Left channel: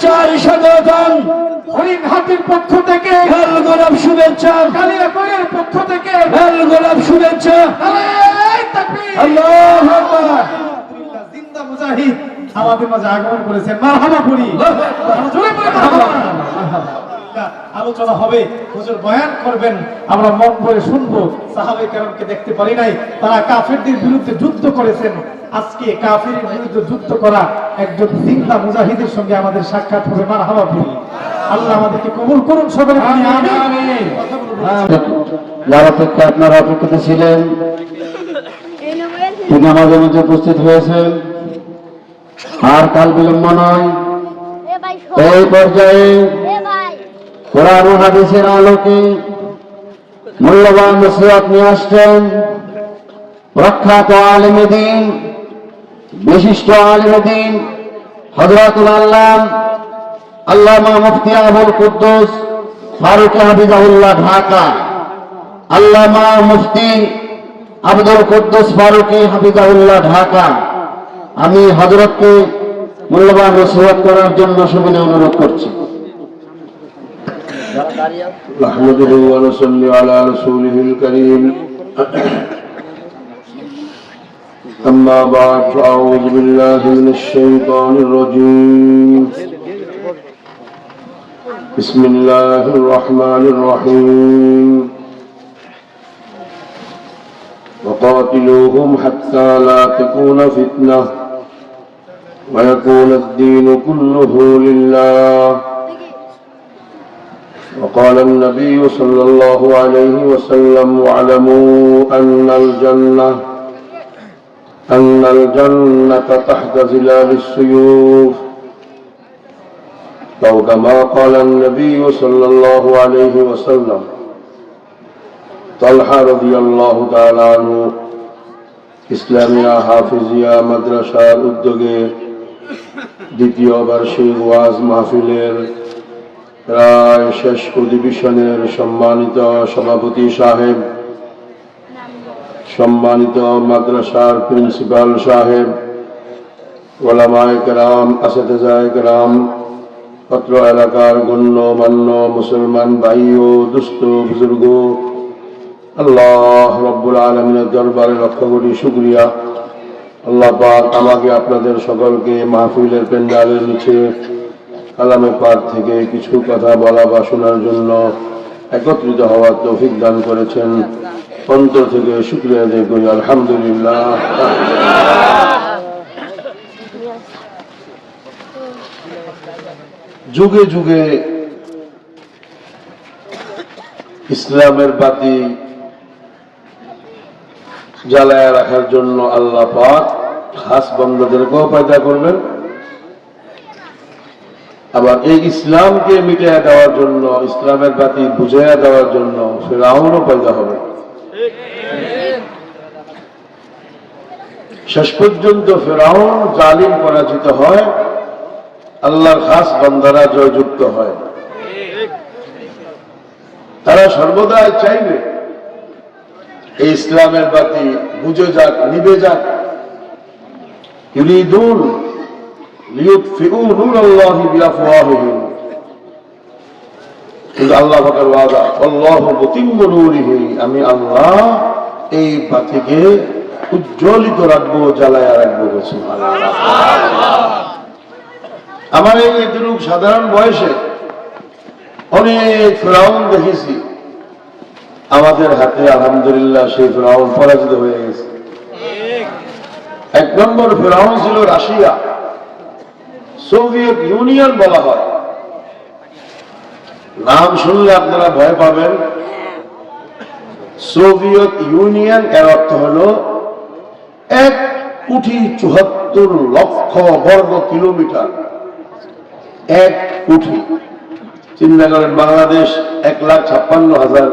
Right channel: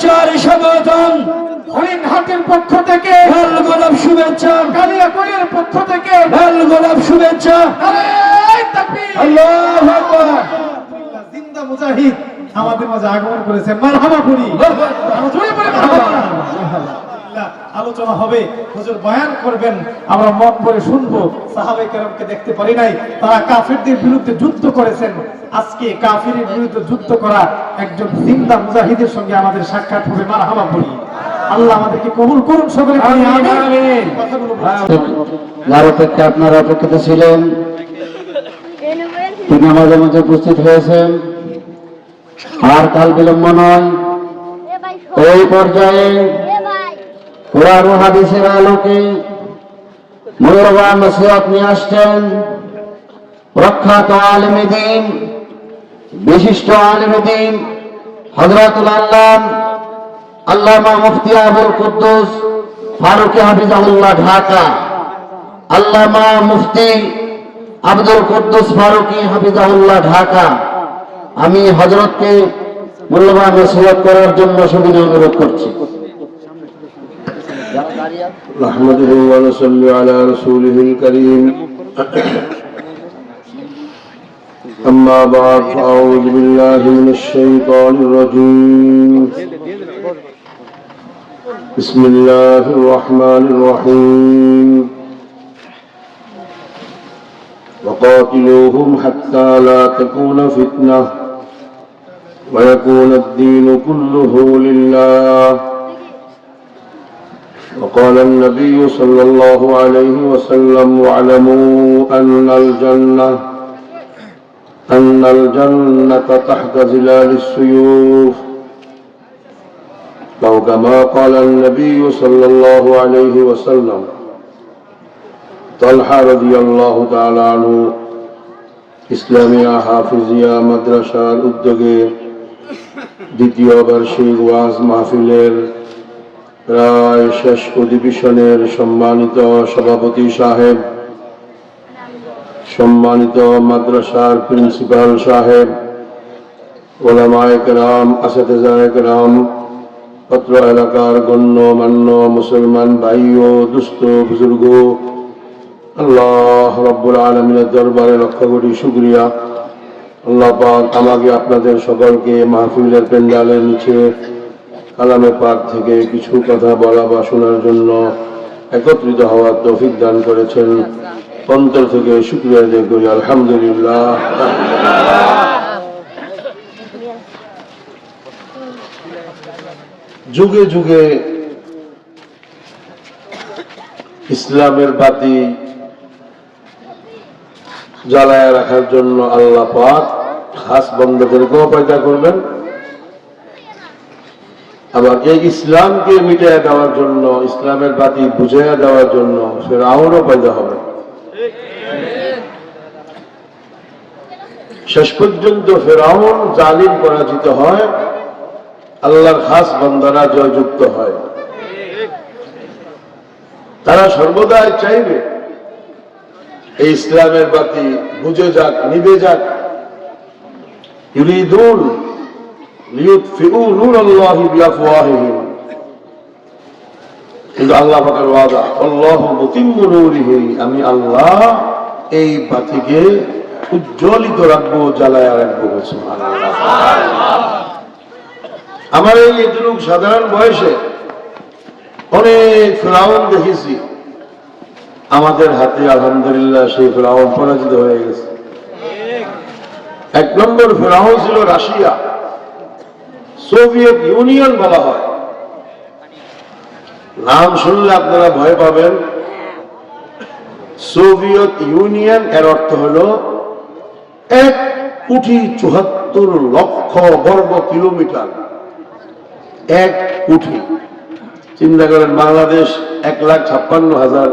শুভেচ্ছার স্বাগতম। হরিণহাটের পক্ষ থেকে লাল গোলাপ শুভেচ্ছা, কালিয়াকৈরের পক্ষ থেকে লাল গোলাপ শুভেচ্ছা। নারায়ে তাকবীর। আল্লাহু আকবার। জিন্দা মুজাহিদ আমাদের মাঝে আগমন করেছেন। মারহাবা বলি, জোরে বলি মারহাবা। আলোচনা হবে, হুজুর বয়ান করবেন, আমরা মন ভরে শুনবো। সাহাবায়ে কেরামকে দেখতে পারি নাই, তারা কাফেরদের বিরুদ্ধে যুদ্ধ করেছেন। আজকে কাফেরের বিরুদ্ধে যুদ্ধ করা একজন জিন্দা মুজাহিদের সঙ্গে আমাদের সাক্ষাৎ হবে। মারহাবা বলি। আল্লাহ আমাদেরকে কবুল করুন, সকলে বলি আমিন। যার অপেক্ষা আপনারা অপেক্ষিত ছিলেন তিনি আমাদের মধ্যে উপস্থিত হয়েছেন। আর কাল বিলম্ব নয়, এই পর্যায়ে কোরআন ও হাদিসের আলোকে মূল্যবান নসিহত নিয়ে আসছেন প্রখ্যাত আলেম দ্বীন, বিশিষ্ট আলেম দ্বীন হযরতুল আল্লামা মুফতি আবুল কুদ্দুস ফারুকী হাফিজাহুল্লাহ ঢাকা। আল্লামা মুফতি আব্দুল কুদ্দুস ফারুকী হাফিজাহুল্লাহ ঢাকা। আমি হযরতকে মূল্যবান নসিহত করার জন্য সুবিনয় অনুরোধ করছি। نحمده ونصلي على رسوله الكريم أما بعد فأعوذ بالله من الشيطان الرجيم بسم الله الرحمن الرحيم وقاتلوهم حتى لا تكون فتنة ويكون الدين كله لله وقال النبي صلى الله عليه وسلم واعلموا أن الجنة تحت ظلال السيوف أو كما قال النبي صلى الله عليه وسلم। طلحة رضي الله تعالى عنه ইসলামিয়া হাফিজিয়া মাদ্রাসার উদ্যোগে দ্বিতীয় বার্ষিক ওয়াজ মাহফিলের প্রায় শেষ অধিবেশনের সম্মানিত সভাপতি সাহেব, সম্মানিত মাদ্রাসার প্রিন্সিপাল সাহেব, ওলামায়ে কেরাম, আসাতিজায়ে কেরাম, পত্র এলাকার গণ্যমান্য মুসলমান ভাই ও দুস্থ বুজুর্গ, আল্লাহ রাব্বুল আলামিনের দরবারে লক্ষ কোটি শুকরিয়া। আল্লাহ পাক আমাকে আপনাদের সকলকে মাহফিলের প্যান্ডেলের নিচে কালামে পাক থেকে কিছু কথা বলা বা শোনার জন্য একত্রিত হওয়ার তৌফিক দান করেছেন। অন্তর থেকে শুকরিয়া আদায় করি, আলহামদুলিল্লাহ। যুগে যুগে ইসলামের বাতি জ্বালায় রাখার জন্য আল্লাহ পাক খাস বান্দাদেরকেও পয়দা করবেন, আবার এই ইসলামকে মিটাইয়া দেওয়ার জন্য, ইসলামের বাতি বুঝাইয়া দেওয়ার জন্য ফিরআউনও পয়দা হবে। শেষ পর্যন্ত ফিরআউন জালিম পরাজিত হয়, আল্লাহর খাস বান্দারা জয়যুক্ত হয়। তারা সর্বদাই চাইবে এই ইসলামের বাতি বুঝে যাক, নিভে যাক। ইউরিদুন লিইউতফিউ নূরাল্লাহি বিআফওয়াহিহিম, কিন্তু আল্লাহ পাকের ওয়াদা আল্লাহু মুতিম্মু নূরিহি, আমি আল্লাহ এই বাতিকে উজ্জ্বলিত রাখবো, জ্বালায়া রাখবো। আমার এই দুরূহ সাধারণ বয়সে অনেক ফিরআউন দেখেছি, আমাদের হাতে আলহামদুলিল্লাহ সেই ফিরআউন পরাজিত হয়ে গেছে। এক নম্বর ফিরআউন ছিল রাশিয়া, সোভিয়েত ইউনিয়ন বলা হয়। নাম শুনলে আপনারা ভয় পাবেন। সোভিয়েত ইউনিয়ন এর অর্থ হল 1,74,00,000 বর্গ কিলোমিটার। 1 কোটি, চিন্তা করেন, বাংলাদেশ 1,56,000,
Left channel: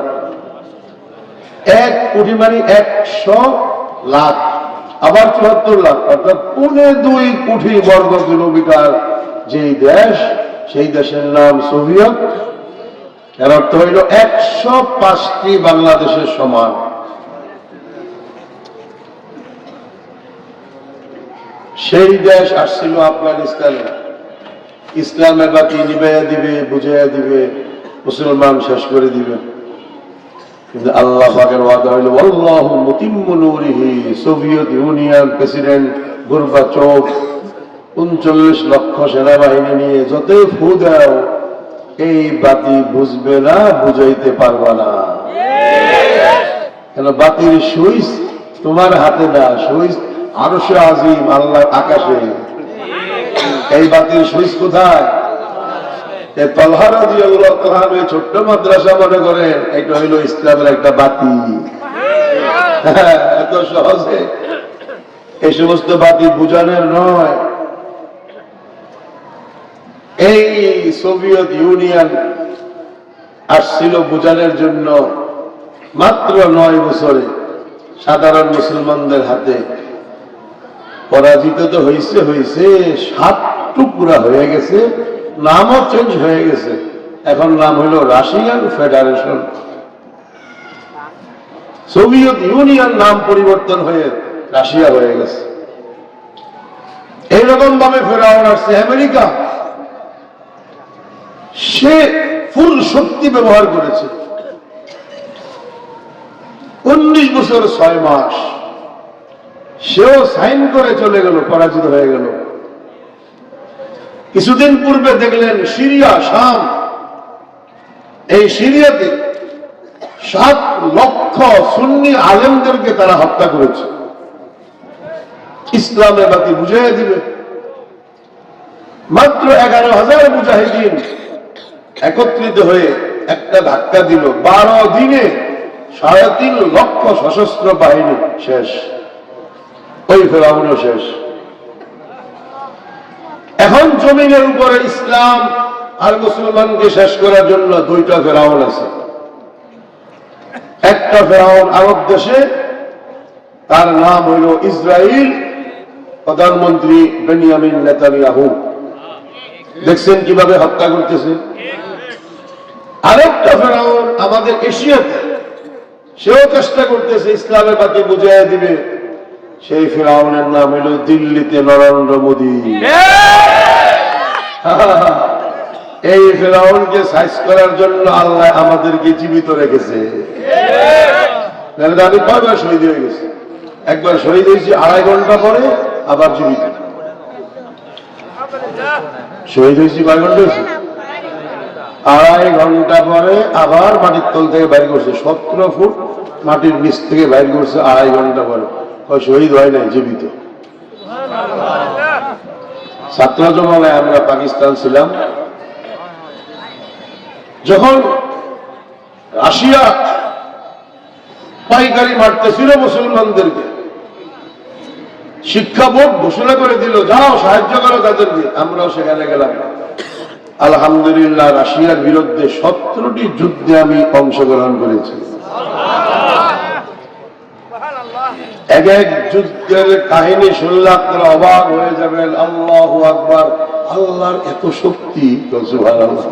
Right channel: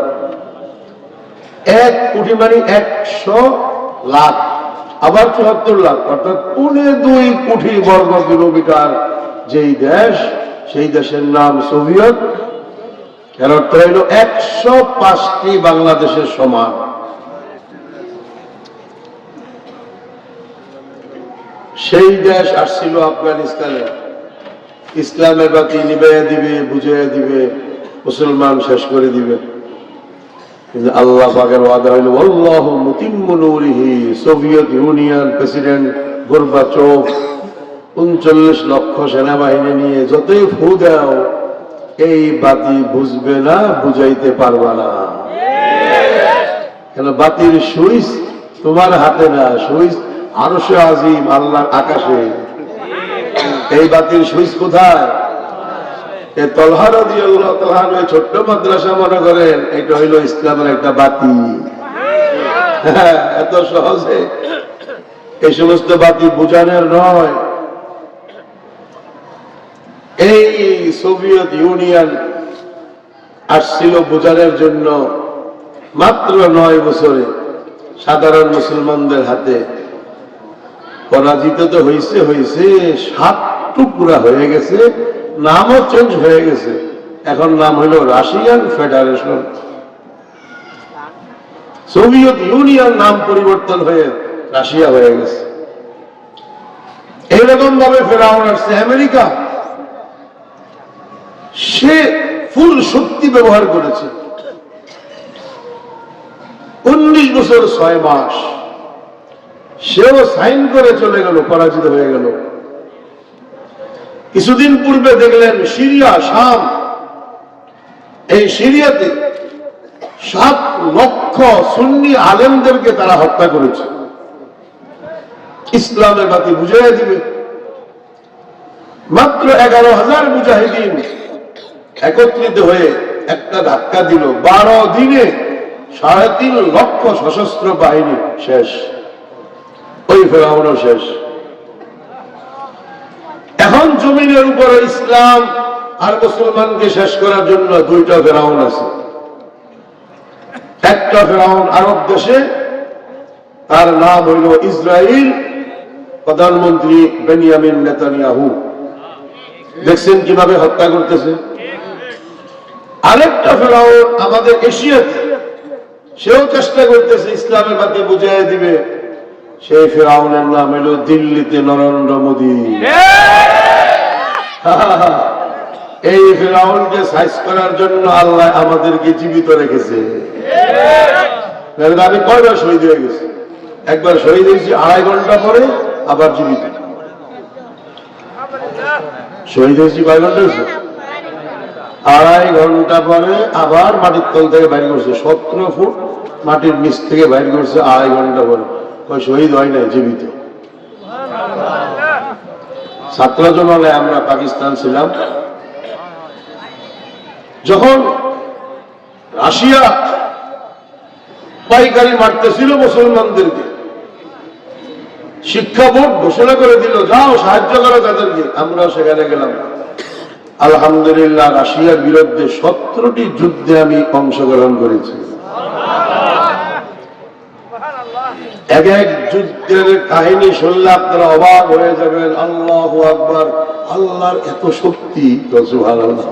1 কোটি মানে 100 লাখ, আবার 74 লাখ, অর্থাৎ 2.25 কোটি বর্গ কিলোমিটার যেই দেশ, সেই দেশের নাম সোভিয়েত। এর অর্থ হইল 105টি বাংলাদেশের সমান। সেই দেশ আসছিল আফগানিস্তানে, ইসলামের বাতি নিবাইয়া দিবে, বুঝাইয়া দিবে, মুসলমান শেষ করে দিবে। কিন্তু আল্লাহ পাকের ওয়াদা হইল আল্লাহু মুতিম্মু নূরিহি। সোভিয়েত ইউনিয়ন প্রেসিডেন্ট গোরবাচভ ৩৯ লক্ষ সেনাবাহিনী নিয়ে যতই ফু দাও এই বাতি বুঝবে না, বুঝাইতে পারবা না। কেন বাতির সুইচ তোমার হাতে না, সুইচ আরশে আজিম আল্লাহর আকাশে। এই বাতির সুইচ কোথায়? তলহা রাদিয়াল্লাহু তাআলা ওই ছোট্ট মাদ্রাসা মনে করেন এটা হইল ইসলামের একটা বাতি। এত সহজে এই সমস্ত বাতি বুঝানোর নয়। এই সোভিয়েত ইউনিয়ন আসছিল বুঝানোর জন্য, মাত্র 9 বছরে সাধারণ মুসলমানদের হাতে পরাজিত তো হয়েছে, 7 টুকরা হয়ে গেছে, নামও চেঞ্জ হয়ে গেছে। এখন নাম হলো রাশিয়ান ফেডারেশন। সোভিয়েত ইউনিয়ন নাম পরিবর্তন হয়ে রাশিয়া হয়ে গেছে। এইরকম ভাবে ফেরাউন আসছে আমেরিকা, সে ফুল শক্তি ব্যবহার করেছে। 19 বছর 6 মাস সেও সাইন করে চলে গেল, পরাজিত হয়ে গেল। কিছুদিন পূর্বে দেখলেন সিরিয়া, শাম, এই সিরিয়াতে 7 লক্ষ সুন্নি আলেমদেরকে তারা হত্যা করেছে। ইসলামের বাতি বুঝাইয়া দিবে। মাত্র 11,000 মুজাহিদিন একত্রিত হয়ে একটা ধাক্কা দিল। 12 দিনে 3.5 লক্ষ সশস্ত্র বাহিনী শেষ। ওই ফেরাউনও শেষ। এখন জমিনের উপরে ইসলাম আর মুসলমানকে শেষ করার জন্য 2টা ফেরাউন আছে। একটা ফেরাউন আরব দেশে, তার নাম হইল ইসরায়েল, প্রধানমন্ত্রী বেনিয়ামিন নেতানিয়াহু। দেখছেন কিভাবে হত্যা করতেছে। আরেকটা ফেরাউন আমাদের এশিয়াতে, সেও চেষ্টা করতেছে ইসলামের বাতি বুঝাইয়া দিবে। সেই ফেরাউনের নাম হইল দিল্লিতে নরেন্দ্র মোদী। এই ফেরাউনকে সাইজ করার জন্য আল্লাহ আমাদেরকে জীবিত রেখেছে। আমি কয়বার শহীদ হয়ে গেছি। একবার শহীদ হয়েছি 2.5 ঘন্টা পরে, আবার জীবিত। শহীদ হয়েছি কয় ঘন্টা হয়েছে? 2.5 ঘন্টা পরে আবার মাটির তল থেকে বাইর করছে। 17 ফুট মাটির নিচ থেকে বাইর করছে 2.5 ঘন্টা পরে। শহীদ হয় না, জীবিত। ছাত্র জমানায় আমরা পাকিস্তান ছিলাম, যখন রাশিয়া পাইকারি মারতেছিল মুসলমানদেরকে, শিক্ষা বোর্ড ঘোষণা করে দিল যাও সাহায্য করো তাদেরকে। আমরাও সেখানে গেলাম। আলহামদুলিল্লাহ, রাশিয়ার বিরুদ্ধে 17টি যুদ্ধে আমি অংশগ্রহণ করেছি। এক এক যুদ্ধের কাহিনী শুনলে আপনারা অবাক হয়ে যাবেন। আল্লাহু আকবার, আল্লাহর এত শক্তি। সুবহানাল্লাহ।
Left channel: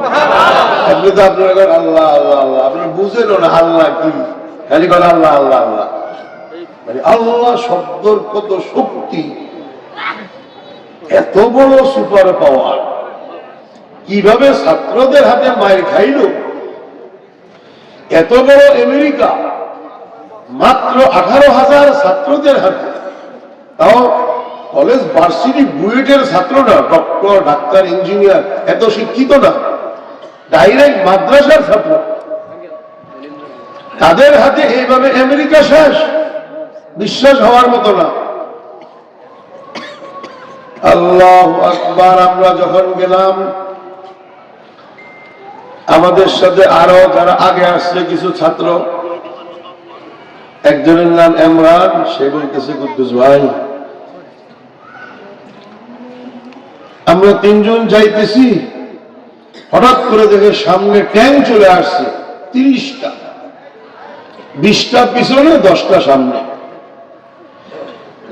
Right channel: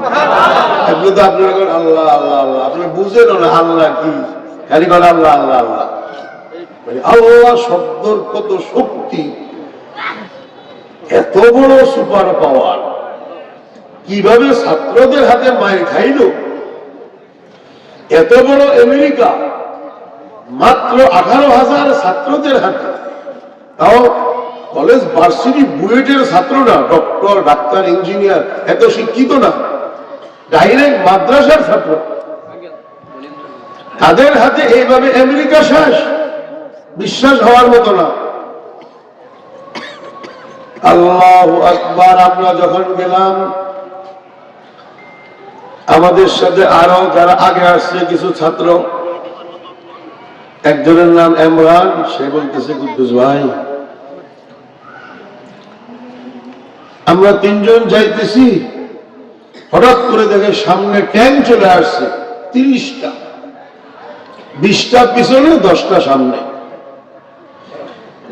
আপনি তো আপনারা করেন আল্লাহ আল্লাহ আল্লাহ, আপনারা বুঝেন না আল্লাহ কি, খালি করেন আল্লাহ আল্লাহ আল্লাহ। আল্লাহ শব্দের কত শক্তি, এত বড় সুপার পাওয়ার। কিভাবে ছাত্রদের হাতে মায়ের খাইল। এত বড় আমেরিকা মাত্র 18,000 ছাত্রদের হাতে, তাও কলেজ ভার্সিটি বুয়েটের ছাত্র না, ডক্টর, ডাক্তার, ইঞ্জিনিয়ার, এত শিক্ষিত না, ডাইরেক্ট মাদ্রাসার ছাত্র। তাদের হাতে এইভাবে আমেরিকা শেষ, বিশ্বাস হওয়ার মতো না। আল্লাহু আকবার। আমরা যখন গেলাম, আমাদের সাথে আরো যারা আগে আসছে কিছু ছাত্র, একজনের নাম ইমরান, সে বলতেছে কুদ্দুস ভাই, আমরা 3 জন যাইতেছি, হঠাৎ করে দেখে সামনে ট্যাঙ্ক চলে আসছে 30টা, 20টা পিছনে, 10টা সামনে।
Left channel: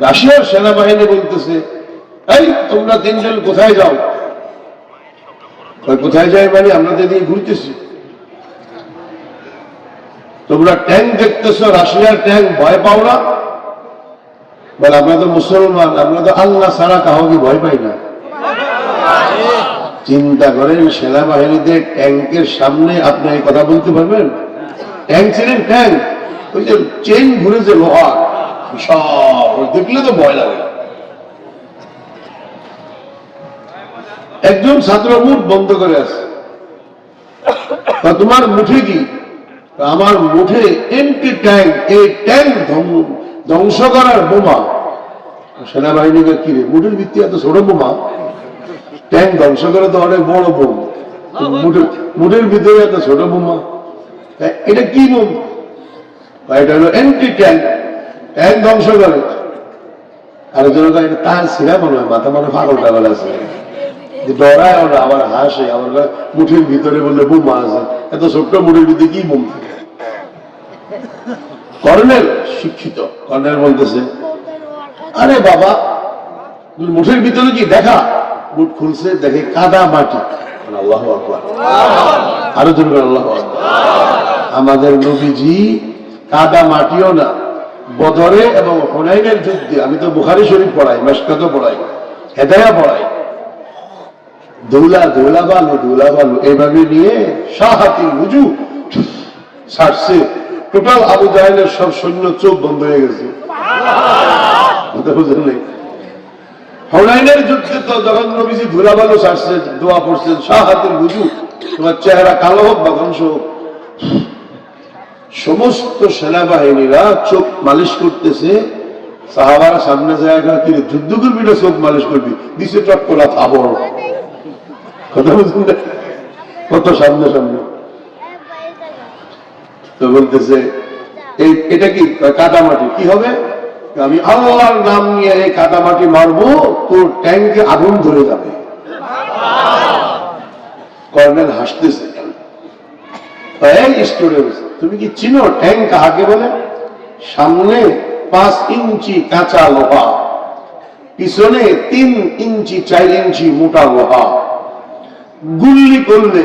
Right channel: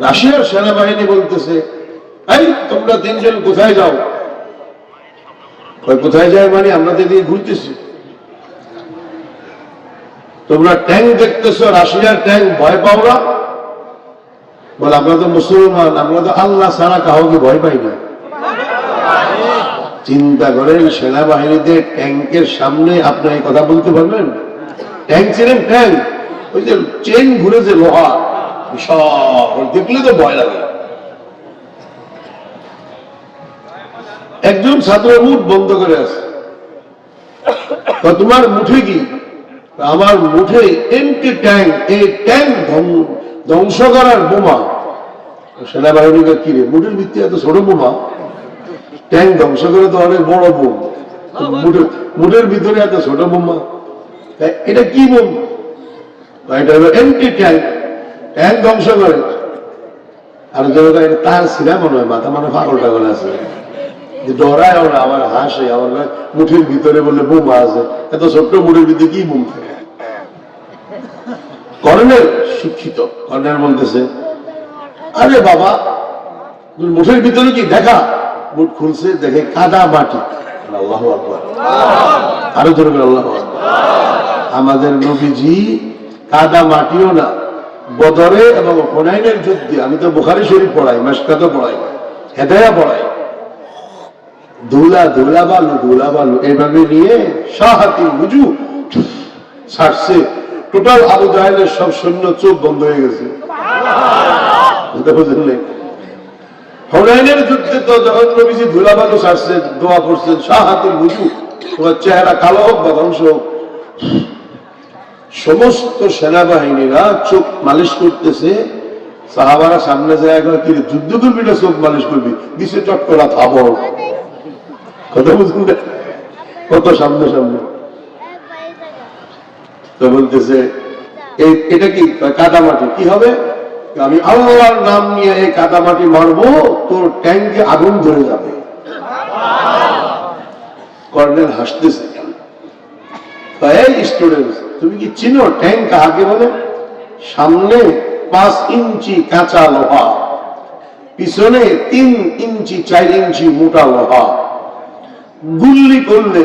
রাশিয়ার সেনাবাহিনী বলতেছে, এই তোমরা 3 জন কোথায় যাও? কোথায় যায় মানে আমরা তো দিয়ে ঘুরতেছি। তোমরা ট্যাঙ্ক দেখতেছো, রাশিয়ার ট্যাঙ্ক, ভয় পাও না? বল আমরা তো মুসলমান, আমরা তো আল্লাহ ছাড়া কাউকে ভয় পাই না। চিন্তা করেন, সেনাবাহিনীতে ট্যাঙ্কের সামনে আপনি এই কথা বলতে পারবেন? ট্যাঙ্ক ছিলেন, ট্যাঙ্ক ওই যে চেন ঘুরে যে লোহা সব দেখলে তো ভয় লাগে। একজন ছাত্র মুখ বন্ধ করে আছে, তোমার মুঠে কি? আমার মুঠে এমটি ট্যাঙ্ক, এই ট্যাঙ্ক ধ্বংস করার বোমা। সেনাবাহিনীকে কি রে, মুঠের ভিত্তি এত ছোট বোমা? ট্যাঙ্ক ধ্বংস করে তো অনেক বড় বোম, মুঠের ভিতরে এত ছোট বোমা, এটা কি বোম? এটা হলো এমটি ট্যাঙ্ক, ট্যাঙ্ক ধ্বংস করে। আর জনতা এটা তার ছিঁড়া মনে হয়, মাথা মানে পাগল টাগল আছে, ডরায় ওরা, আবার হাসে, আবার মুঠের ভিতরে বললে বোমা আছে, এত ছোট্ট মুঠের ভিতরে কি বোম থাকে? কর্নেল শিক্ষিত, কর্নেল বলতেছে, আরে বাবা মুঠের ভিতরে কি দেখা? মুঠ খুলছে, দেখে কাদা মাটি। আল্লাহু আকবার, আরো জোরে বলেন আল্লাহু আকবার। আমাদের নবীজি কাদা মাটিও না, বদরে এবং হুনাইনের যুদ্ধে, আমি তো বুখারী শরীফ পড়াই, মাশকাতো পড়াই, হেদায়া পড়াই, ধুলা বালু এইভাবে নিয়ে শাহাতি উজু ছাড়ছে, টোটাল আবু জাহেলের সব সৈন্য চোখ বন্ধ হয়ে গেছে। বুঝলেন নেই? হুনাইনের যুদ্ধে তো যখন নবীজি ধুলা বালু ছাড়ছে, দোয়া করছেন শাহাতুল উজু, তোমার চেহারা কালো হোক বা ধ্বংস হোক। সমস্ত সেনাবাহিনীরা চোখ মালিশ করতেছে, সাহাবারা সামনে যায়, কি যুদ্ধ করবি না চোখ মালিশ করবি? দিছে চট্টলা থাবর, কথা বুঝুন না, কত সামনে সামনে। তো বলতেছে এটা কি কাদামাটি, কি হবে? আমি আল্লাহর নাম নিয়ে এই কাদামাটি মারবো, তোর ট্যাঙ্কে আগুন ধরে যাবে। কর্নেল হাসতেছে, এই স্টুডেন্ট তুমি কি চিনো ট্যাঙ্ক কাকে বলে? সামনে 5 ইঞ্চি কাঁচা লোহা, পিছনে 3 ইঞ্চি 4 ইঞ্চি মোটা লোহা। গুল্লি করলে,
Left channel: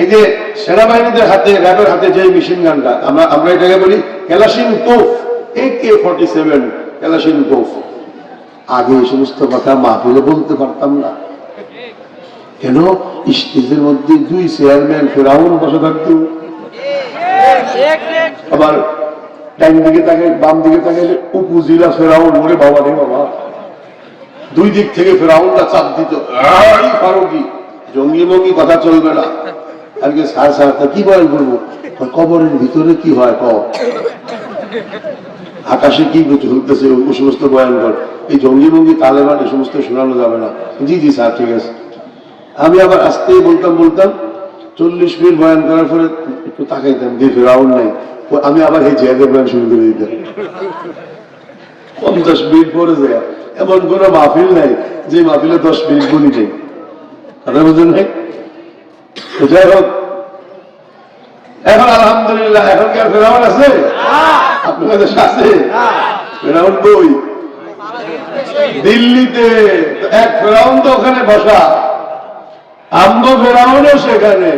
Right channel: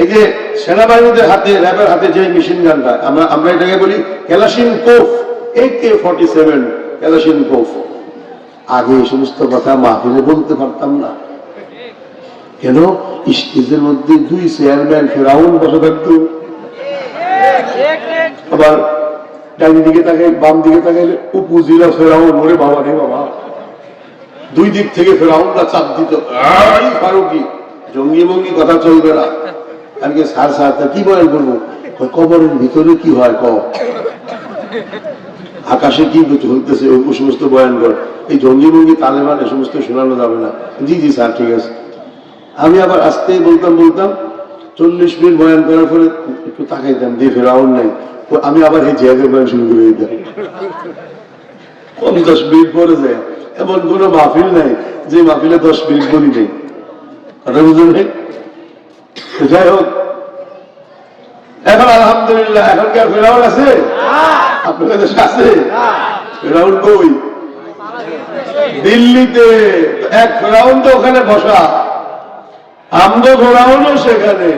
এই যে সেনাবাহিনীদের হাতে, র্যাবের হাতে যে মেশিন গানটা, আমরা এটাকে বলি ক্যালাশিনকোভ, AK-47 ক্যালাশিনকোভ। আগে এই সমস্ত কথা মাহফিলে বলতে পারতাম না, কেন? স্টেজের মধ্যে 2 চেয়ারম্যান ফেরাউন বসে থাকতো, আবার ডান দিকে তাকাই বাম দিকে তাকাইলে উপজিলা ফেরাউন, ওরে বাবা রে বাবা, 2 দিক থেকে ফেরাউনরা চাপ দিত, ফারুকি জঙ্গি মঙ্গি কথা চলবে না। আজকে স্যার কি বয়ান করবো? কবরের ভিতরে কি হয়, আকাশে কি চলতেছে, ওই সমস্ত বয়ান কর, এই জঙ্গি মঙ্গি তালেবান এ সমস্ত শোনানো যাবে না। জি জি স্যার ঠিক আছে। আমি আবার আসতে বলতাম 40 মিনিট বয়ান করার পরে একটু তাকাইতাম, দিয়ে ফেরাউন নাই, আমি আবার এই জিহাদের বয়ান শুরু করে দিতাম। 50 মিনিট পরে যায়, এমন কোন মাহফিল নাই যে মাহফিলে 10 মিনিট বলি নেই, কথা বুঝলেন নাই? যাই হোক, এখন আলহামদুলিল্লাহ, এখন কি আর ফেরাউন আছে? আপনাদের দেশে আছে ফেরাউন? কই? দিল্লিতে এক ফেরাউন তো ওখানে বসা, আমগো ফেরাউনও সেখানে,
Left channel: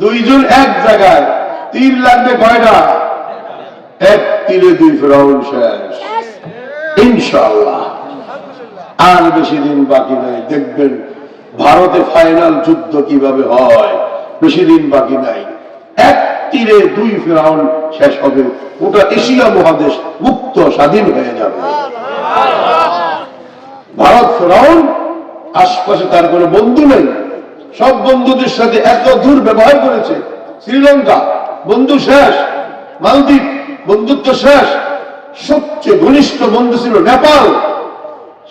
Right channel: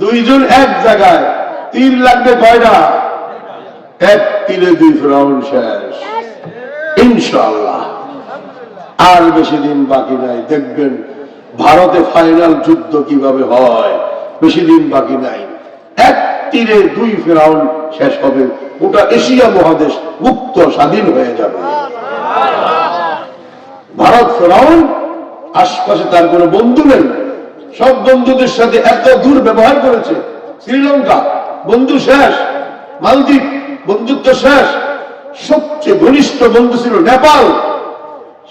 2 জন এক জায়গায়, তীর লাগবে কয়টা? 1 তীরে 2 ফেরাউন শেষ ইনশাআল্লাহ। আর বেশি দিন বাকি নাই, দেখবেন ভারতে ফাইনাল যুদ্ধ কিভাবে হয়, বেশি দিন বাকি নাই। 1 তীরে 2 ফেরাউন শেষ হবে, গোটা এশিয়া মহাদেশ মুক্ত স্বাধীন হয়ে যাবে। ভারত ফেরাউন, আশপাশে তার কোনো বন্ধু নেই, সব বন্ধুদের সাথে এত দূর ব্যবহার করেছে। শ্রীলঙ্কা বন্ধু শেষ, মালদ্বীপ বন্ধুত্ব শেষ, সবচেয়ে ঘনিষ্ঠ বন্ধু ছিল নেপাল,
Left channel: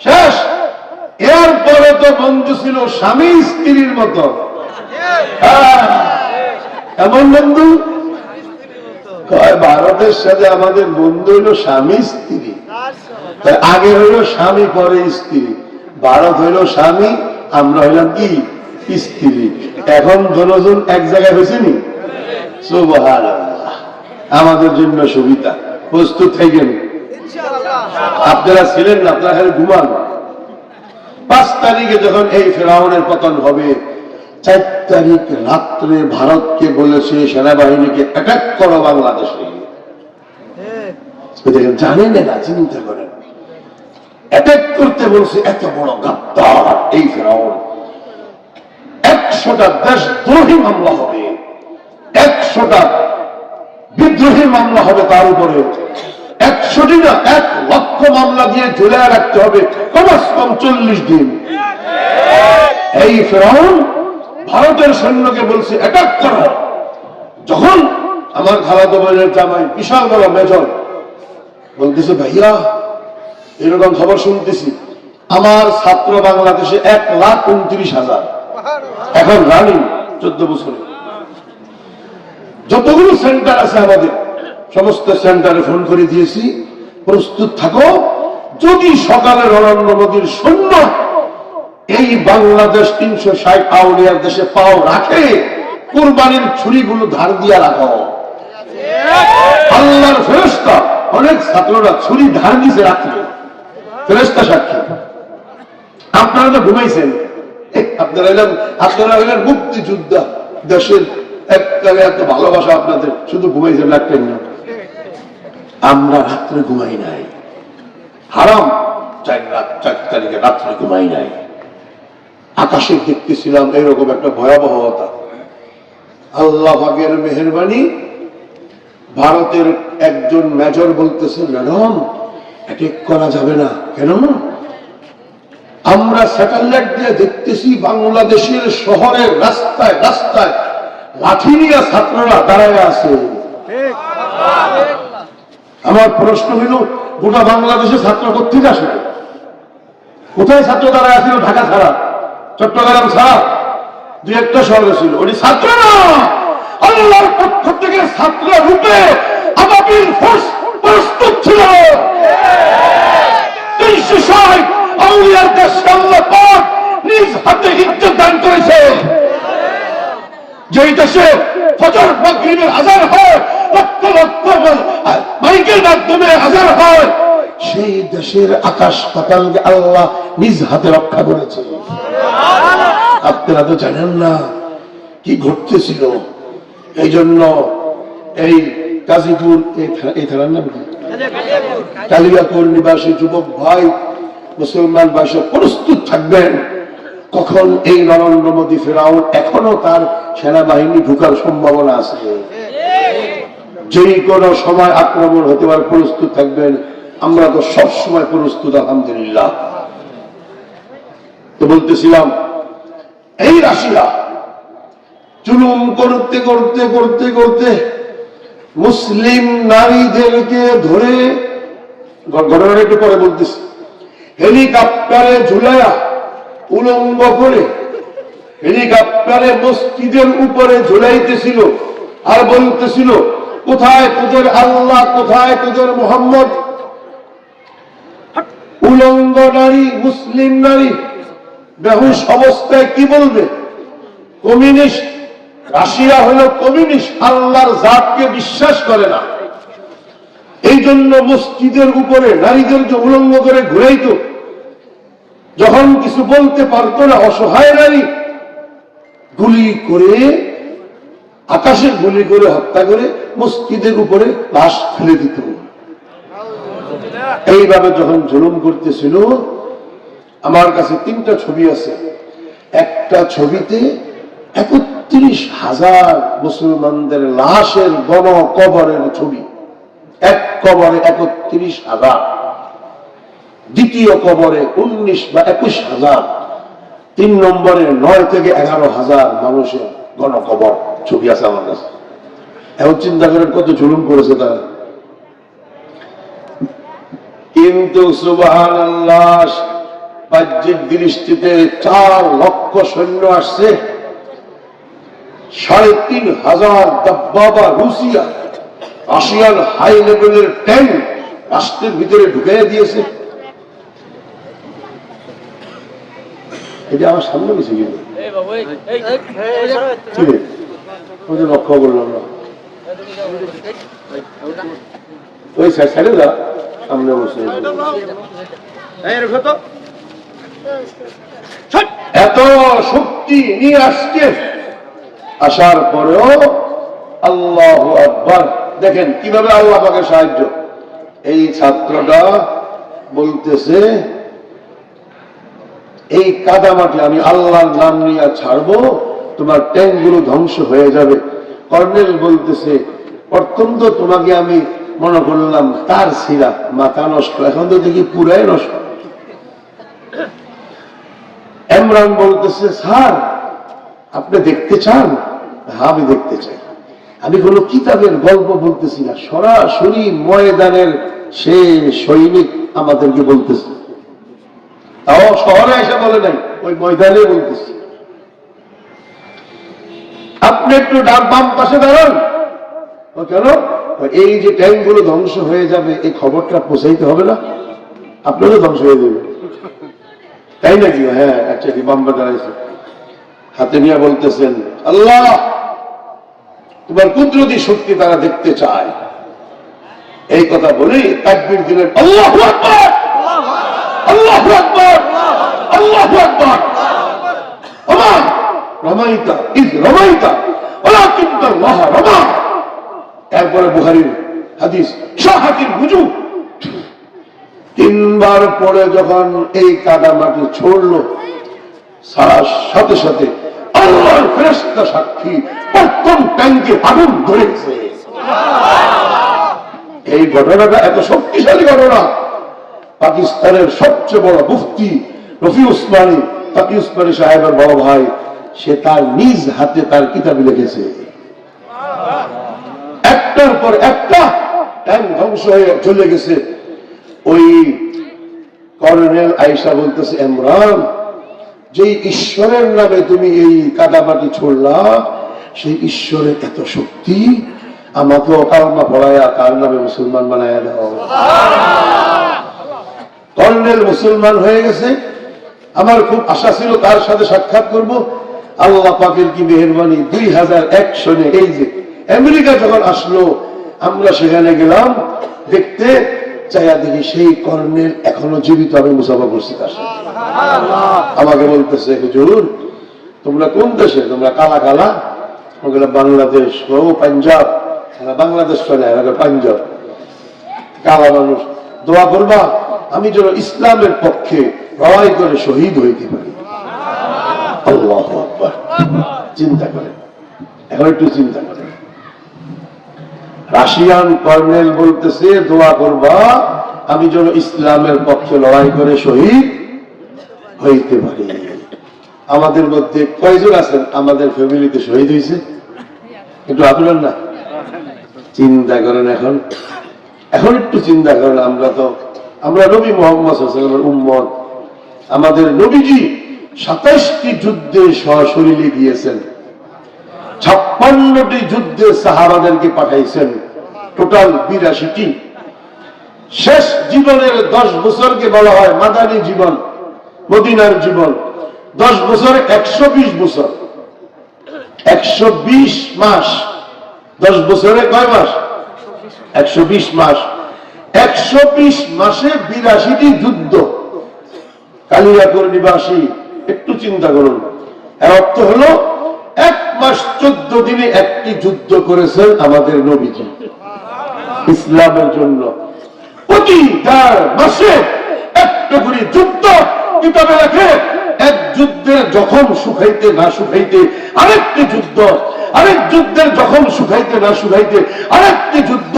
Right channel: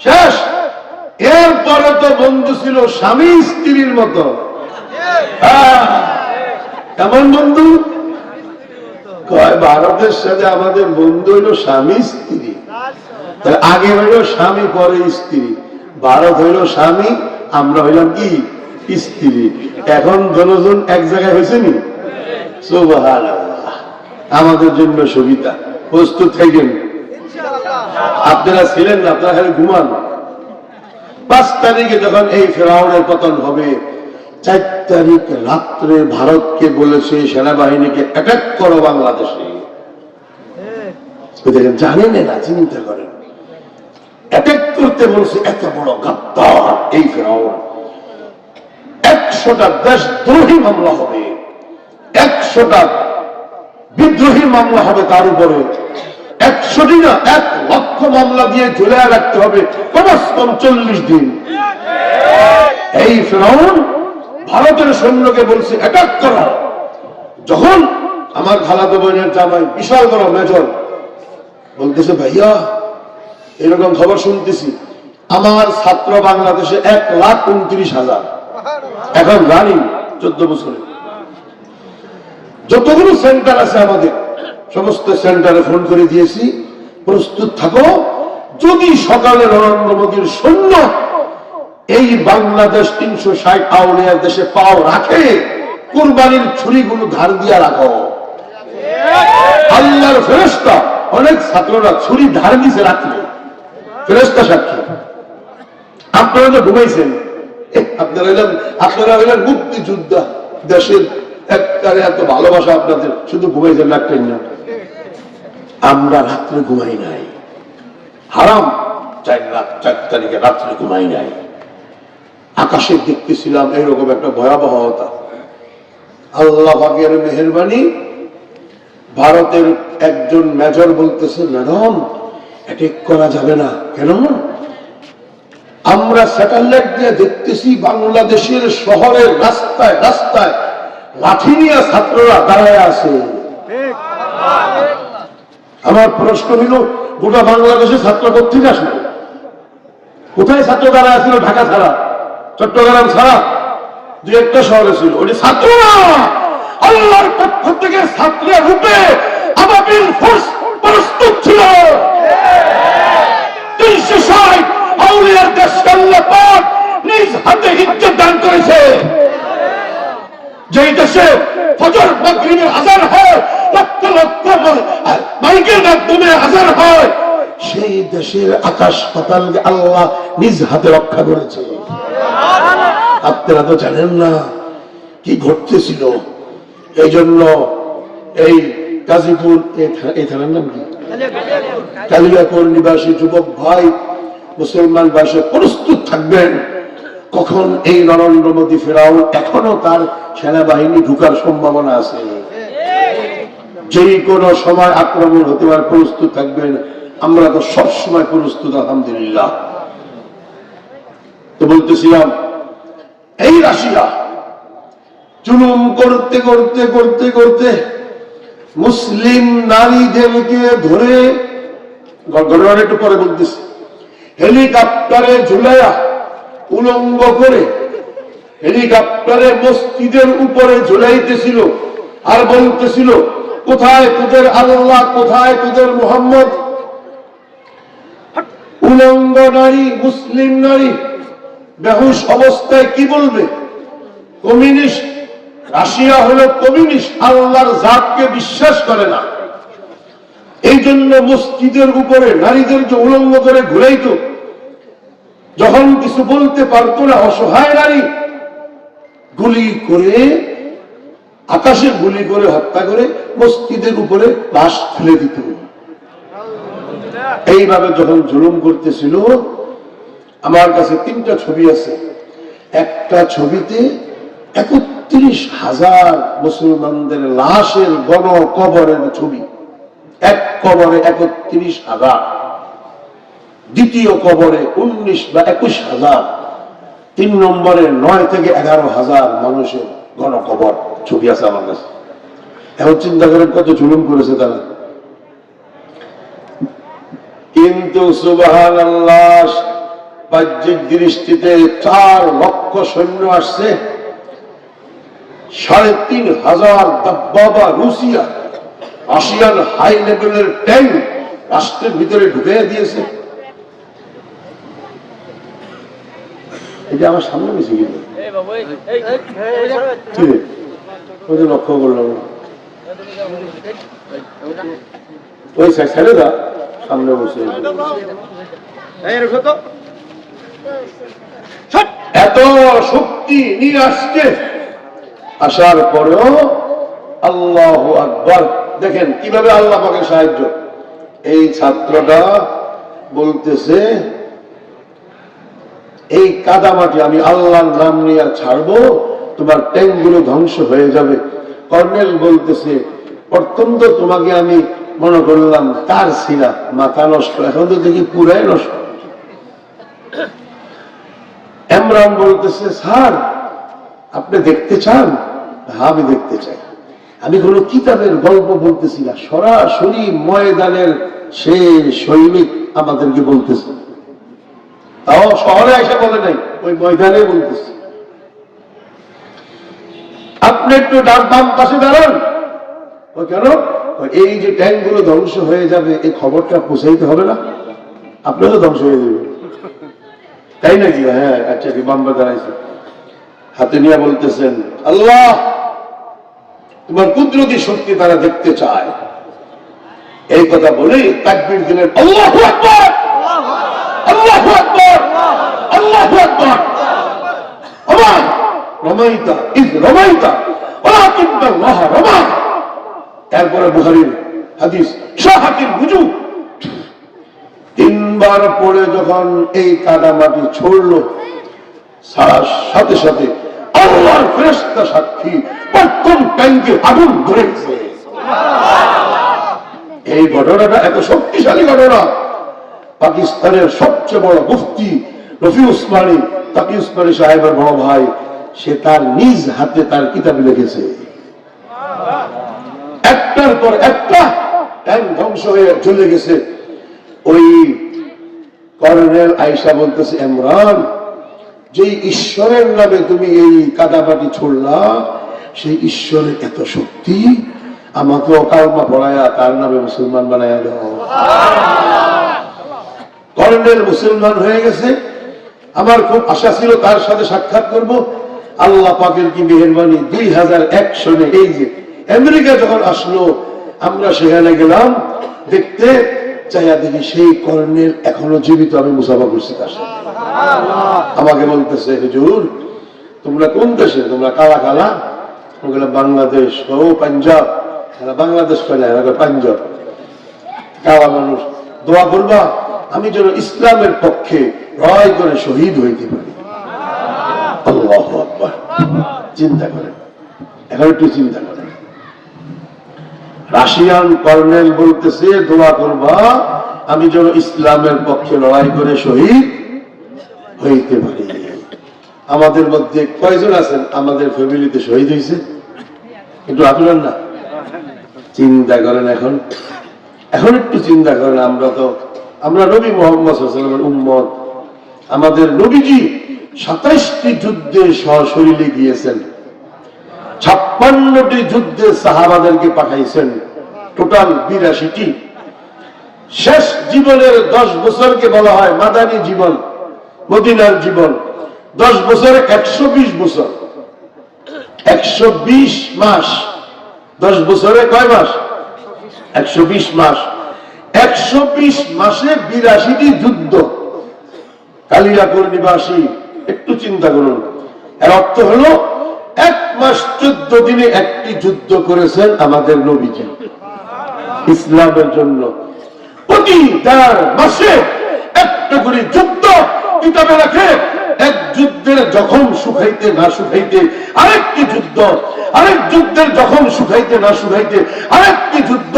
শেষ। এরপরে তো বন্ধু ছিল স্বামী স্ত্রীর মতো, এমন বন্ধু। ভারতের সাথে আমাদের বন্ধু হইল স্বামী স্ত্রী, আগে হইল স্বামী পরে স্ত্রী। ভারত হইল স্বামী, আমরা হইলাম কি স্ত্রী। এখন দুজন এক জায়গায় হয়েছে নি, সুবহানাল্লাহ, আমাদের জন্য সুবিধা। প্রস্তুত থাকেন, আপনারা ছিলেন না, আপনারা ঘুমান। 5 তারিখে যখন এই ফেরাউনের পতন হবে, 4 তারিখ রাত্রে ভারতকে বলেছে সেনাবাহিনীকে অ্যাটাক করো বাংলাদেশে। দেখেন, জানেন না, চিন্তা করেন, অ্যাটাক করতে বলছে, এত বড় গাদ্দার এই ফেরাউন। 100টা দেশদ্রোহী মামলা হবে, 100টা বিদ্রোহী মামলা হবে, তার উপরে 100টি না 1 লক্ষ মামলা দিয়ে ঝুলিয়ে রাখতে হবে কমস কম 40 দিন। এই ফিরআউন ভারতের সৈন্যকে বলছে অ্যাটাক করো। যখন আমার খালাতো বোনের জামাই বিশাল বড় মেজর বলতেছে, ভাইয়া এরকম খবর শুনতেছি, আমার ছাত্র বাংলাদেশে 1,29,000 এখন রানিং 14 বছরে। যতগুলো সেন্টার আছে আমাদের সমস্ত সেন্টারে ফোন করে দিয়েছি, প্রস্তুত থাকো, যদি সকালে নরেন্দ্র মোদীর সৈন্য এই বাংলাদেশ 360 আউলিয়ার দেশে পাও রাখে, কুরবানির ছুরিগুলো ধার দিয়া রাখো। আল্লাহর ফেরেশতা অনেক ছাত্ররা ছুরি ধার দিয়েছে রাত্রে, ফেরেশতা সাক্ষী। আপনারা তো ঘুমাইছেন, আপনারা হলেন মুক্তিযোদ্ধা, দেশের একবারে এত ভালোবাসা আপনাদের, শুধু ঘুমাইছেন রাখলেন না। আমরা রাত্রে ঘুমাই নাই, হারাম 4 তারিখে রাত্রে ঘুমাই নাই। আকাশে দেখতেছিলাম এরকম একটা ভয়াবহতা। আল্লাহ পাকের মেহেরবানি, ভারতের একজন মেজর বলতেছে, ম্যাডাম অ্যাটাক করা যাবে না। কেন? আমরা স্যাটেলাইট দিয়ে দেখতেছি বাংলাদেশের শহরের রাস্তায় রাস্তায় লাঠি নিয়ে ছাত্ররা দাঁড়ায় আছে। আমার প্রশ্ন হইল, গোটা বাংলাদেশের ছাত্র কোথেকে আসলো? কোথায় ছাত্র দাঁড়ায় আসছিল? ঢাকা ছাড়া, চট্টগ্রাম ছাড়া 2-1টা শহরে ছিল। ওই ছাত্র না, আল্লাহর পক্ষ থেকে ছাত্র রূপে আবাবিল ফোর্স প্রস্তুত ছিল। 360 আউলিয়ার দেশকে আল্লাহ পাক নিজ হাতে ইজ্জত দান করেছে। যেই দেশে ফজর মাগরিবের আযান হয়, লক্ষ লক্ষ মাইকের মাধ্যমে আযান হয়, সেই দেশের আকাশ পাতাল আল্লাহ নিজ হাতে রক্ষা করেছে। আপনারা তো জানেন না কি ঘটতেছিল। এই জন্য এই গাজীপুর এই থানার নাম কি, কালিয়াকৈর নিবাসী যুবক ভাই, মুসলমান ভাষা প্রস্তুত থাকবেন। কখন এই নরেন্দ্র মোদী ফেরাউন, এখনো তার সেনাবাহিনী ঢুকার সম্ভাবনা আছে, যে কোনো সময় আক্রমণ হতে পারে, প্রস্তুত থাকবেন। আমরা তো সব সময় প্রস্তুত আলহামদুলিল্লাহ। তো বলতেছিলাম, এই রাশিয়া জুলুম করতে করতে করতে করতে মুসলিম নারীদেরকে ধরে, ঘটনাটা একটু পরে বলতেছি, হেলিকপ্টারে ঝুলায়া উলঙ্গ করে হেলিকপ্টারে মসজিদের উপরে ঝুলাইতেছিল আর বলতেছিল, কোথায় তোদের আল্লাহ, কোথায় তোদের মোহাম্মদ? উলঙ্গ নারী, মুসলিম নারী বেহুশ অবস্থায় কি বলবে? কমিউনিস্ট, রাশিয়া হলো কমিউনিস্ট, আল্লাহর জাতকে বিশ্বাস করে না। এই জন্য মসজিদের উপরে নারীদেরকে উলঙ্গ করে ঘুরাইতো। যখন কিছু বলতে পারতো না, অসহায় নারী গুলি করে, আকাশে গুলি করে হত্যা করে মসজিদের উপরে লাশ ফেলে দিত। এইভাবে যখন জুলুম করতেছিল, আমার কাছে 3টা ছবি আছে। একটা ছবিতে 31,000 মুসলমানদের লাশের গণ কবরের ছবি, এক কবরে 31,000, দ্বিতীয় কবরে 19 বা 21,000, 3 নম্বরে 9 থেকে 11,000 মানুষের গণ কবর ছবি আছে আমার কাছে। এখন চিন্তা করেন কত জুলুম করেছে তারা। কিন্তু সুবহানাল্লাহ, বাহ্যিক দৃষ্টিতে 4 লক্ষ সৈন্য আসছে, 3,500 দাব্বাবা রুশিয়া, রাশিয়ান হাই লেভেলের ট্যাঙ্ক রাষ্ট্রের ভিতরে ঢুকে দিয়েছে। এটা আমার সামনে গেছে কিন্তু লক্ষ্য করলাম না, ওই ছেড়ে দা সামনে বসে। এত শক্তি নিয়ে আসছে, আসার পরেও আল্লাহু আকবার। দেখেন কিভাবে আল্লাহ পাকের সাহায্য। এই ছাত্রটা বলতেছে, এই কাদামাটি আমি আল্লাহর নাম নিয়ে ছাড়বো, তোমার ট্যাঙ্কগুলো ধ্বংস হয়ে যাবে। কর্নেল বলতেছে, প্রথম তো তোমাকে আমি মনে করলাম তার ছিলা মাথা নষ্ট, এখন তো দেখি পুরাই নষ্ট। ইমরান বলতেছে, স্যার আপনি দেখতে চান? হ্যাঁ আমি দেখতে চাই। আমি কোনো কিতাবের গল্প বলতেছি না, সরাসরি ময়দানের সে সৈনিক আমাদেরকে বলতেছে, তাও শহরে এসে বলে নাই, ওই ময়দানে বলতেছে। আপনি একটু বাম পাশে দাঁড়ান। ও কেন? এই যে ট্যাঙ্কগুলো ধ্বংস হয়ে যাবে এই খবরটা পৌঁছাইতে হবে না? আপনারও ধ্বংস হয়ে যাবে, তাই নাকি? হ্যাঁ আচ্ছা, বাম্বা দাঁড়াইছে, হাতে নিয়ে বলতেছেন, আল্লাহ তোমার কুদরতি শক্তি তারা দেখতে চায়। এই কথা বলেই তাকবীর দিলেন, আল্লাহু আকবার, আল্লাহু আকবার, আল্লাহু আকবার। ওমা রমাইতা ইজ রমাইতা ওয়ালাকিন্নাল্লাহ রমা। এরপরে বুখারীর হাদিস, শাহাতির বুজু, তিনবার পরে যখন এই কাদা মাটি ছড়লো, সাথে সাথে আল্লাহর ফেরেশতা সাক্ষী, প্রথম ট্যাঙ্কে আগুন ধরেছে। এই ঘটনাটা এত শক্তিশালী ঘটনা, পাকিস্তানের সবচেয়ে বড় মুফতি রফি উসমানী, তাকি উসমানী সাহেবের বড় ভাই, সে তার নিজ হাতে তার কিতাবে লিখেছে। একটার পর একটা ট্যাঙ্ক ধ্বংস হয়ে চলে গেছে। ওই কর্নেল আয়েশা বলতেছে, ইমরান যে ঈশ্বরের নামে তুমি এই কাদামাটি ছুড়লা, সেই ঈশ্বরের এত শক্তি, আমাকেও কালমা পড়ায়া তার নামে মুসলমান বানায়া দাও। কর্নেল মুসলমান হয়ে গেছে। আমার খুব আশা ছিল তার সাথে সাক্ষাৎ করব। আল্লাহ পাকের কি মেহেরবানি, 2001 সনে এই যে আমেরিকা যখন আসলো, আমরা সেখানে গেলাম দেখতে, চাইয়া দেখি সেই কর্নেল এখনো জীবিত। আমি মুসাফা করছি তার সাথে। আমাকে বলতেছে, হুজুর তোমরা কোন দেশে? তোমরা কালা কালা। বাংলাদেশ। ও পাঞ্জাব। বাংলাদেশ চলে পাঞ্জাব, কালা মানুষ। দোয়া করবা আমি যেন ইসলামের পক্ষে লড়াই করে শহীদ হইতে পারি। আল্লাহু আকবার। চিন্তা করেন, এখন একটু চিন্তা করেন। রাশিয়ান কর্নেল বলতেছে, দোয়া করবা আমি যেন ইসলামের পক্ষে লড়াই করে শহীদ হইতে পারি। আমাদের মধ্যে কয়জন আছেন আমাদের ফ্যামিলিতে শহীদ হয়েছে? একটু আপনার না চিন্তা করেন। এখন একটু চিন্তা করেন। আমরা নবী মুহাম্মদ সাল্লাল্লাহু আলাইহি ওয়াসাল্লামের উম্মত। আমাদের নবীজি 27টি যুদ্ধে সশরীরে গিয়েছেন, 56টি যুদ্ধে সাহাবাদেরকে পাঠাইছেন, টোটাল 82টি। শেষ জীবনের 10 বছরকে বলা হয় মাদানী জীবন, মদিনার জীবন। 10 বছরে 120 বছর, 120 মাস। 10 বছরে কয় মাস? 120 মাস। 120 মাসে 82টি যুদ্ধ। কালিয়াপুর নিবাসী, একটু চিন্তা করুন। এর অর্থ হলো 1 মাস 14 দিনে একটি যুদ্ধ করেছেন আমাদের নবীজি ইসলামের জন্য। প্রতি 1.5 মাসে একটা করে যুদ্ধ কিতাবে লেখে। এক যুদ্ধের জখম শুকাইতে না শুকাইতে আরেকটি যুদ্ধ, আরেক যুদ্ধের জখম শুকাইতে না শুকাইতে আরেকটি যুদ্ধ।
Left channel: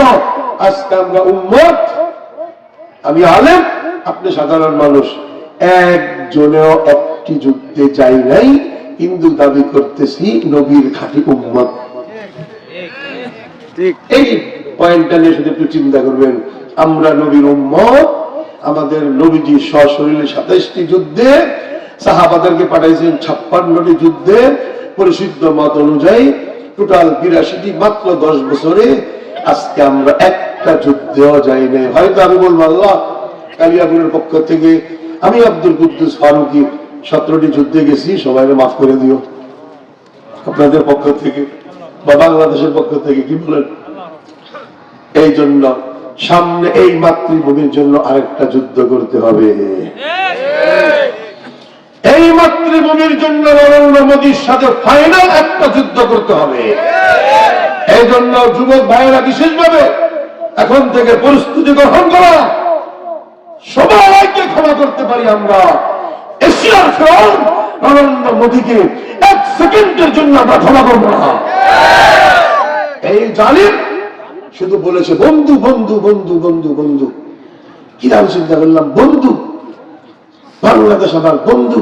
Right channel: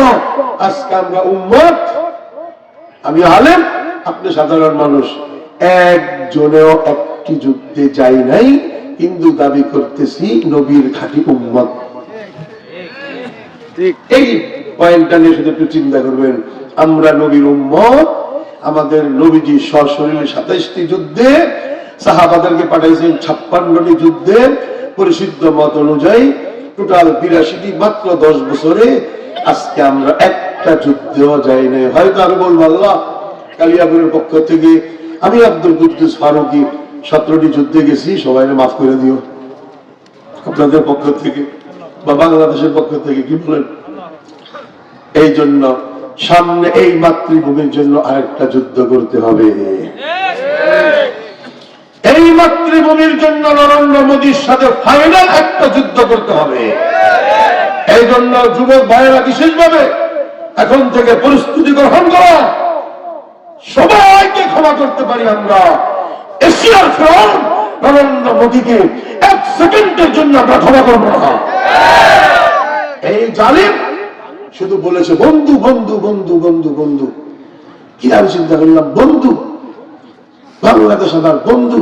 আজকে আমরা উম্মত, আমি আলেম, আপনি সাধারণ মানুষ, একজনেও একটি যুদ্ধে যাই নাই, কিন্তু দাবি করতেছি নবীর খাঁটি উম্মত। এই পয়েন্টটা নিয়ে শুধু একটু চিন্তা করবেন। আমরা নবীর উম্মত। আমাদের নবীজি সশরীরে 27টি যুদ্ধে, সাহাবাদেরকে পাঠাইছেন 56টি যুদ্ধে। পরিশুদ্ধ মত অনুযায়ী টোটাল 82টি, মাত্র 10 বছরে। আজকে আমরা একটা যুদ্ধেও যাই নাই। হয়তো আমি বলবো, আল্লাহ কালিয়াপুরের পক্ষ থেকে আমি আব্দুল কুদ্দুস ফারুকী 17টি যুদ্ধে গেছি, সবাই মাফ করে দিও আপনাদের পক্ষ থেকে বা বাংলাদেশের পক্ষ থেকে, কি বলেন? এই জন্য সামনে এই মাতৃভূমির জন্য আরেকটা যুদ্ধ করতে হবে। এই মাতৃভূমির জন্য নরেন্দ্র মোদীর সাথে ফাইনাল একটা যুদ্ধ করতে হবে। এই জন্য যুবক ভাইয়েরা বিশেষভাবে এখন থেকে প্রস্তুতি গ্রহণ করা। সবাইকে ক্ষমা করতে পারি আমরা। এশিয়ার ফ্রাউন নরেন্দ্র মোদীকে 1 সেকেন্ডের জন্য আমরা ক্ষমা করবো না। এই জালিম শুধু বলেছে বন্ধু বন্ধু বন্ধু বন্ধু বন্ধু। কি আমি চিন্তা করলাম, বন্ধু বাংলাদেশ আমার বন্ধু,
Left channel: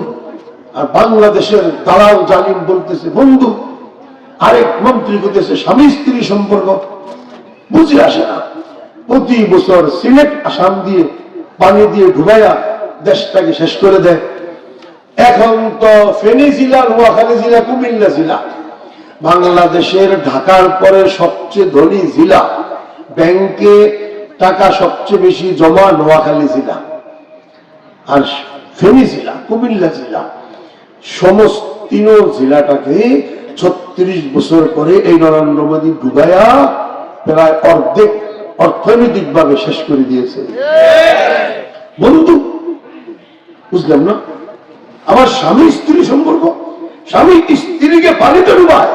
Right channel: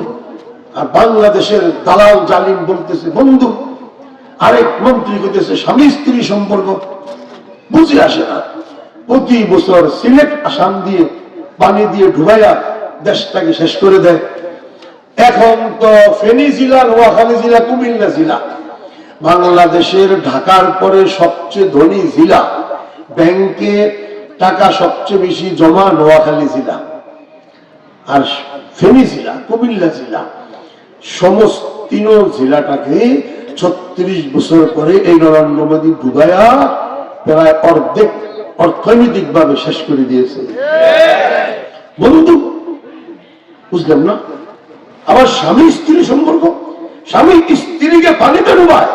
আর বাংলাদেশের দালাল জালিম বলতেছে বন্ধু, আরেক মন্ত্রী করতেছে স্বামী স্ত্রী সম্পর্ক। বুঝে আসে না, প্রতি বছর সিলেট আসাম দিয়ে পানি দিয়ে ডুবাইয়া দেশটাকে শেষ করে দেয়। এখন তো ফেনী জেলা, নোয়াখালী জেলা, কুমিল্লা জেলা বাংলাদেশের ঢাকার পরে সবচেয়ে ধনী জেলা। ব্যাংকে টাকা সবচেয়ে বেশি জমা নোয়াখালী জেলা আর ফেনী জেলা, কুমিল্লা জেলা। সমস্ত তিন জেলাটাকে 36 বছর পরে এই নরেন্দ্র মোদী ডুবাইয়া প্রায় অর্ধেক অর্থনৈতিক ভাবে শেষ করে দিয়েছে। বন্ধু বুঝলাম না। আবার স্বামী স্ত্রী সম্পর্ক, স্বামী স্ত্রীকে পানিতে ডুবায়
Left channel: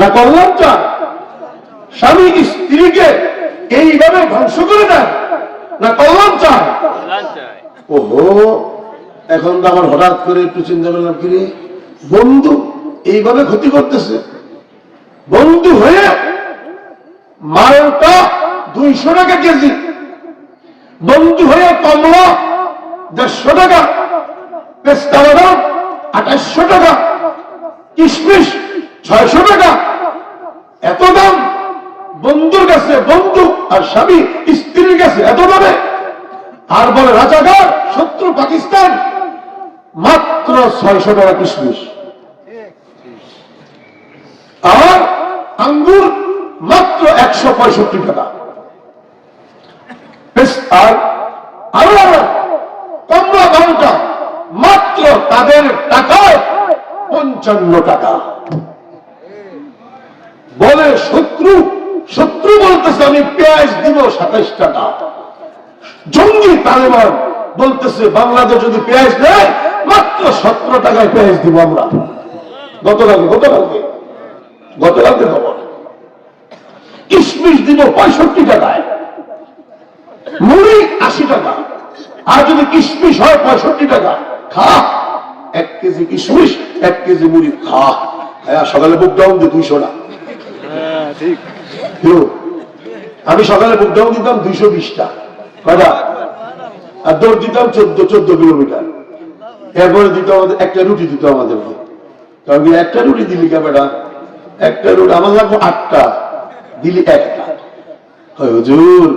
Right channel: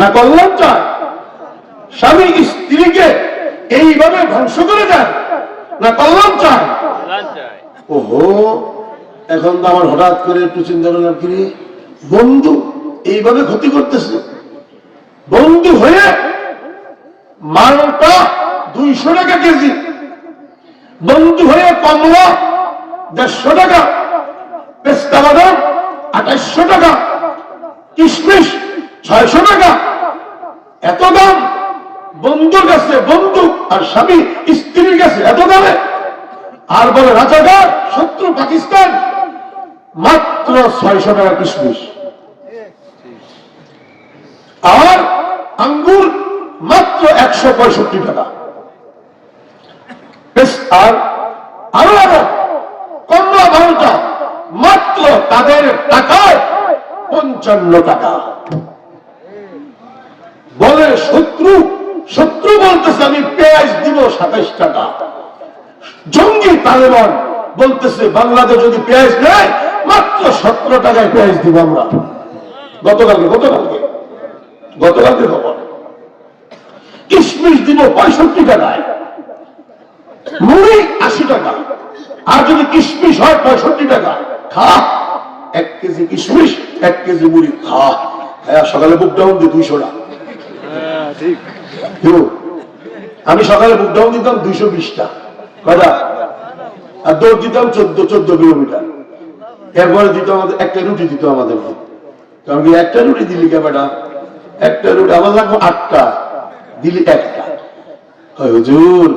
না কল্যাণ চায়, স্বামী স্ত্রীকে এইভাবে ধ্বংস করে দেয় না কল্যাণ চায়। ওহো, এখন তো আমার হঠাৎ করে একটু চিন্তা করলাম, কি বন্ধু এইভাবে ক্ষতি করতেছে। বন্ধু হয়ে মালটা 200 টাকা কেজি, বন্ধু হয়ে কমলা 150 টাকা, পেস্তা বাদাম 2800 টাকা, কিশমিশ 600 টাকা। এত দাম বন্ধুর কাছে, বন্ধু আর স্বামী স্ত্রীর কাছে এত দামে। আর বলে রাজাকার শত্রু পাকিস্তান, মাত্র 600 টাকা কিশমিশ। আর আঙ্গুর মাত্র 165 টাকা। আর আরো আরো কমলা বারোটা মাত্র তাদের টাকায় 55 টাকা। বলে শত্রু, শত্রু বলতেছে আমি পেঁয়াজ দিব 27 টাকা। জঙ্গি তালেবান বলতেছে বাংলাদেশ যদি পেঁয়াজ নেয় মাত্র 17 টাকায় পেঁয়াজ দিব আমরা। গতকালকে খবর। কিশমিশ দিব 65 টাকায়, মুড়ি 80 টাকা। আর যদি কিশমিশ হয় 65 টাকা, খা 1 কেজি কিশমিশ 1 কেজি মুড়ি খা। সকালে বুক ডাউন দিই 200 টাকা। আমি সকালে বুক ডাউন দিতাম 220 টা কটা, আর দৌড় দিতাম 14 কিলোমিটার। এরপরে দিত আমাদের একটা রুটি দিত আমাদেরকে। কারণ একটা রুটি দিলি কেমনটা, একটা রুটি আমাদের 8টা দিলি 1টা। হুজুর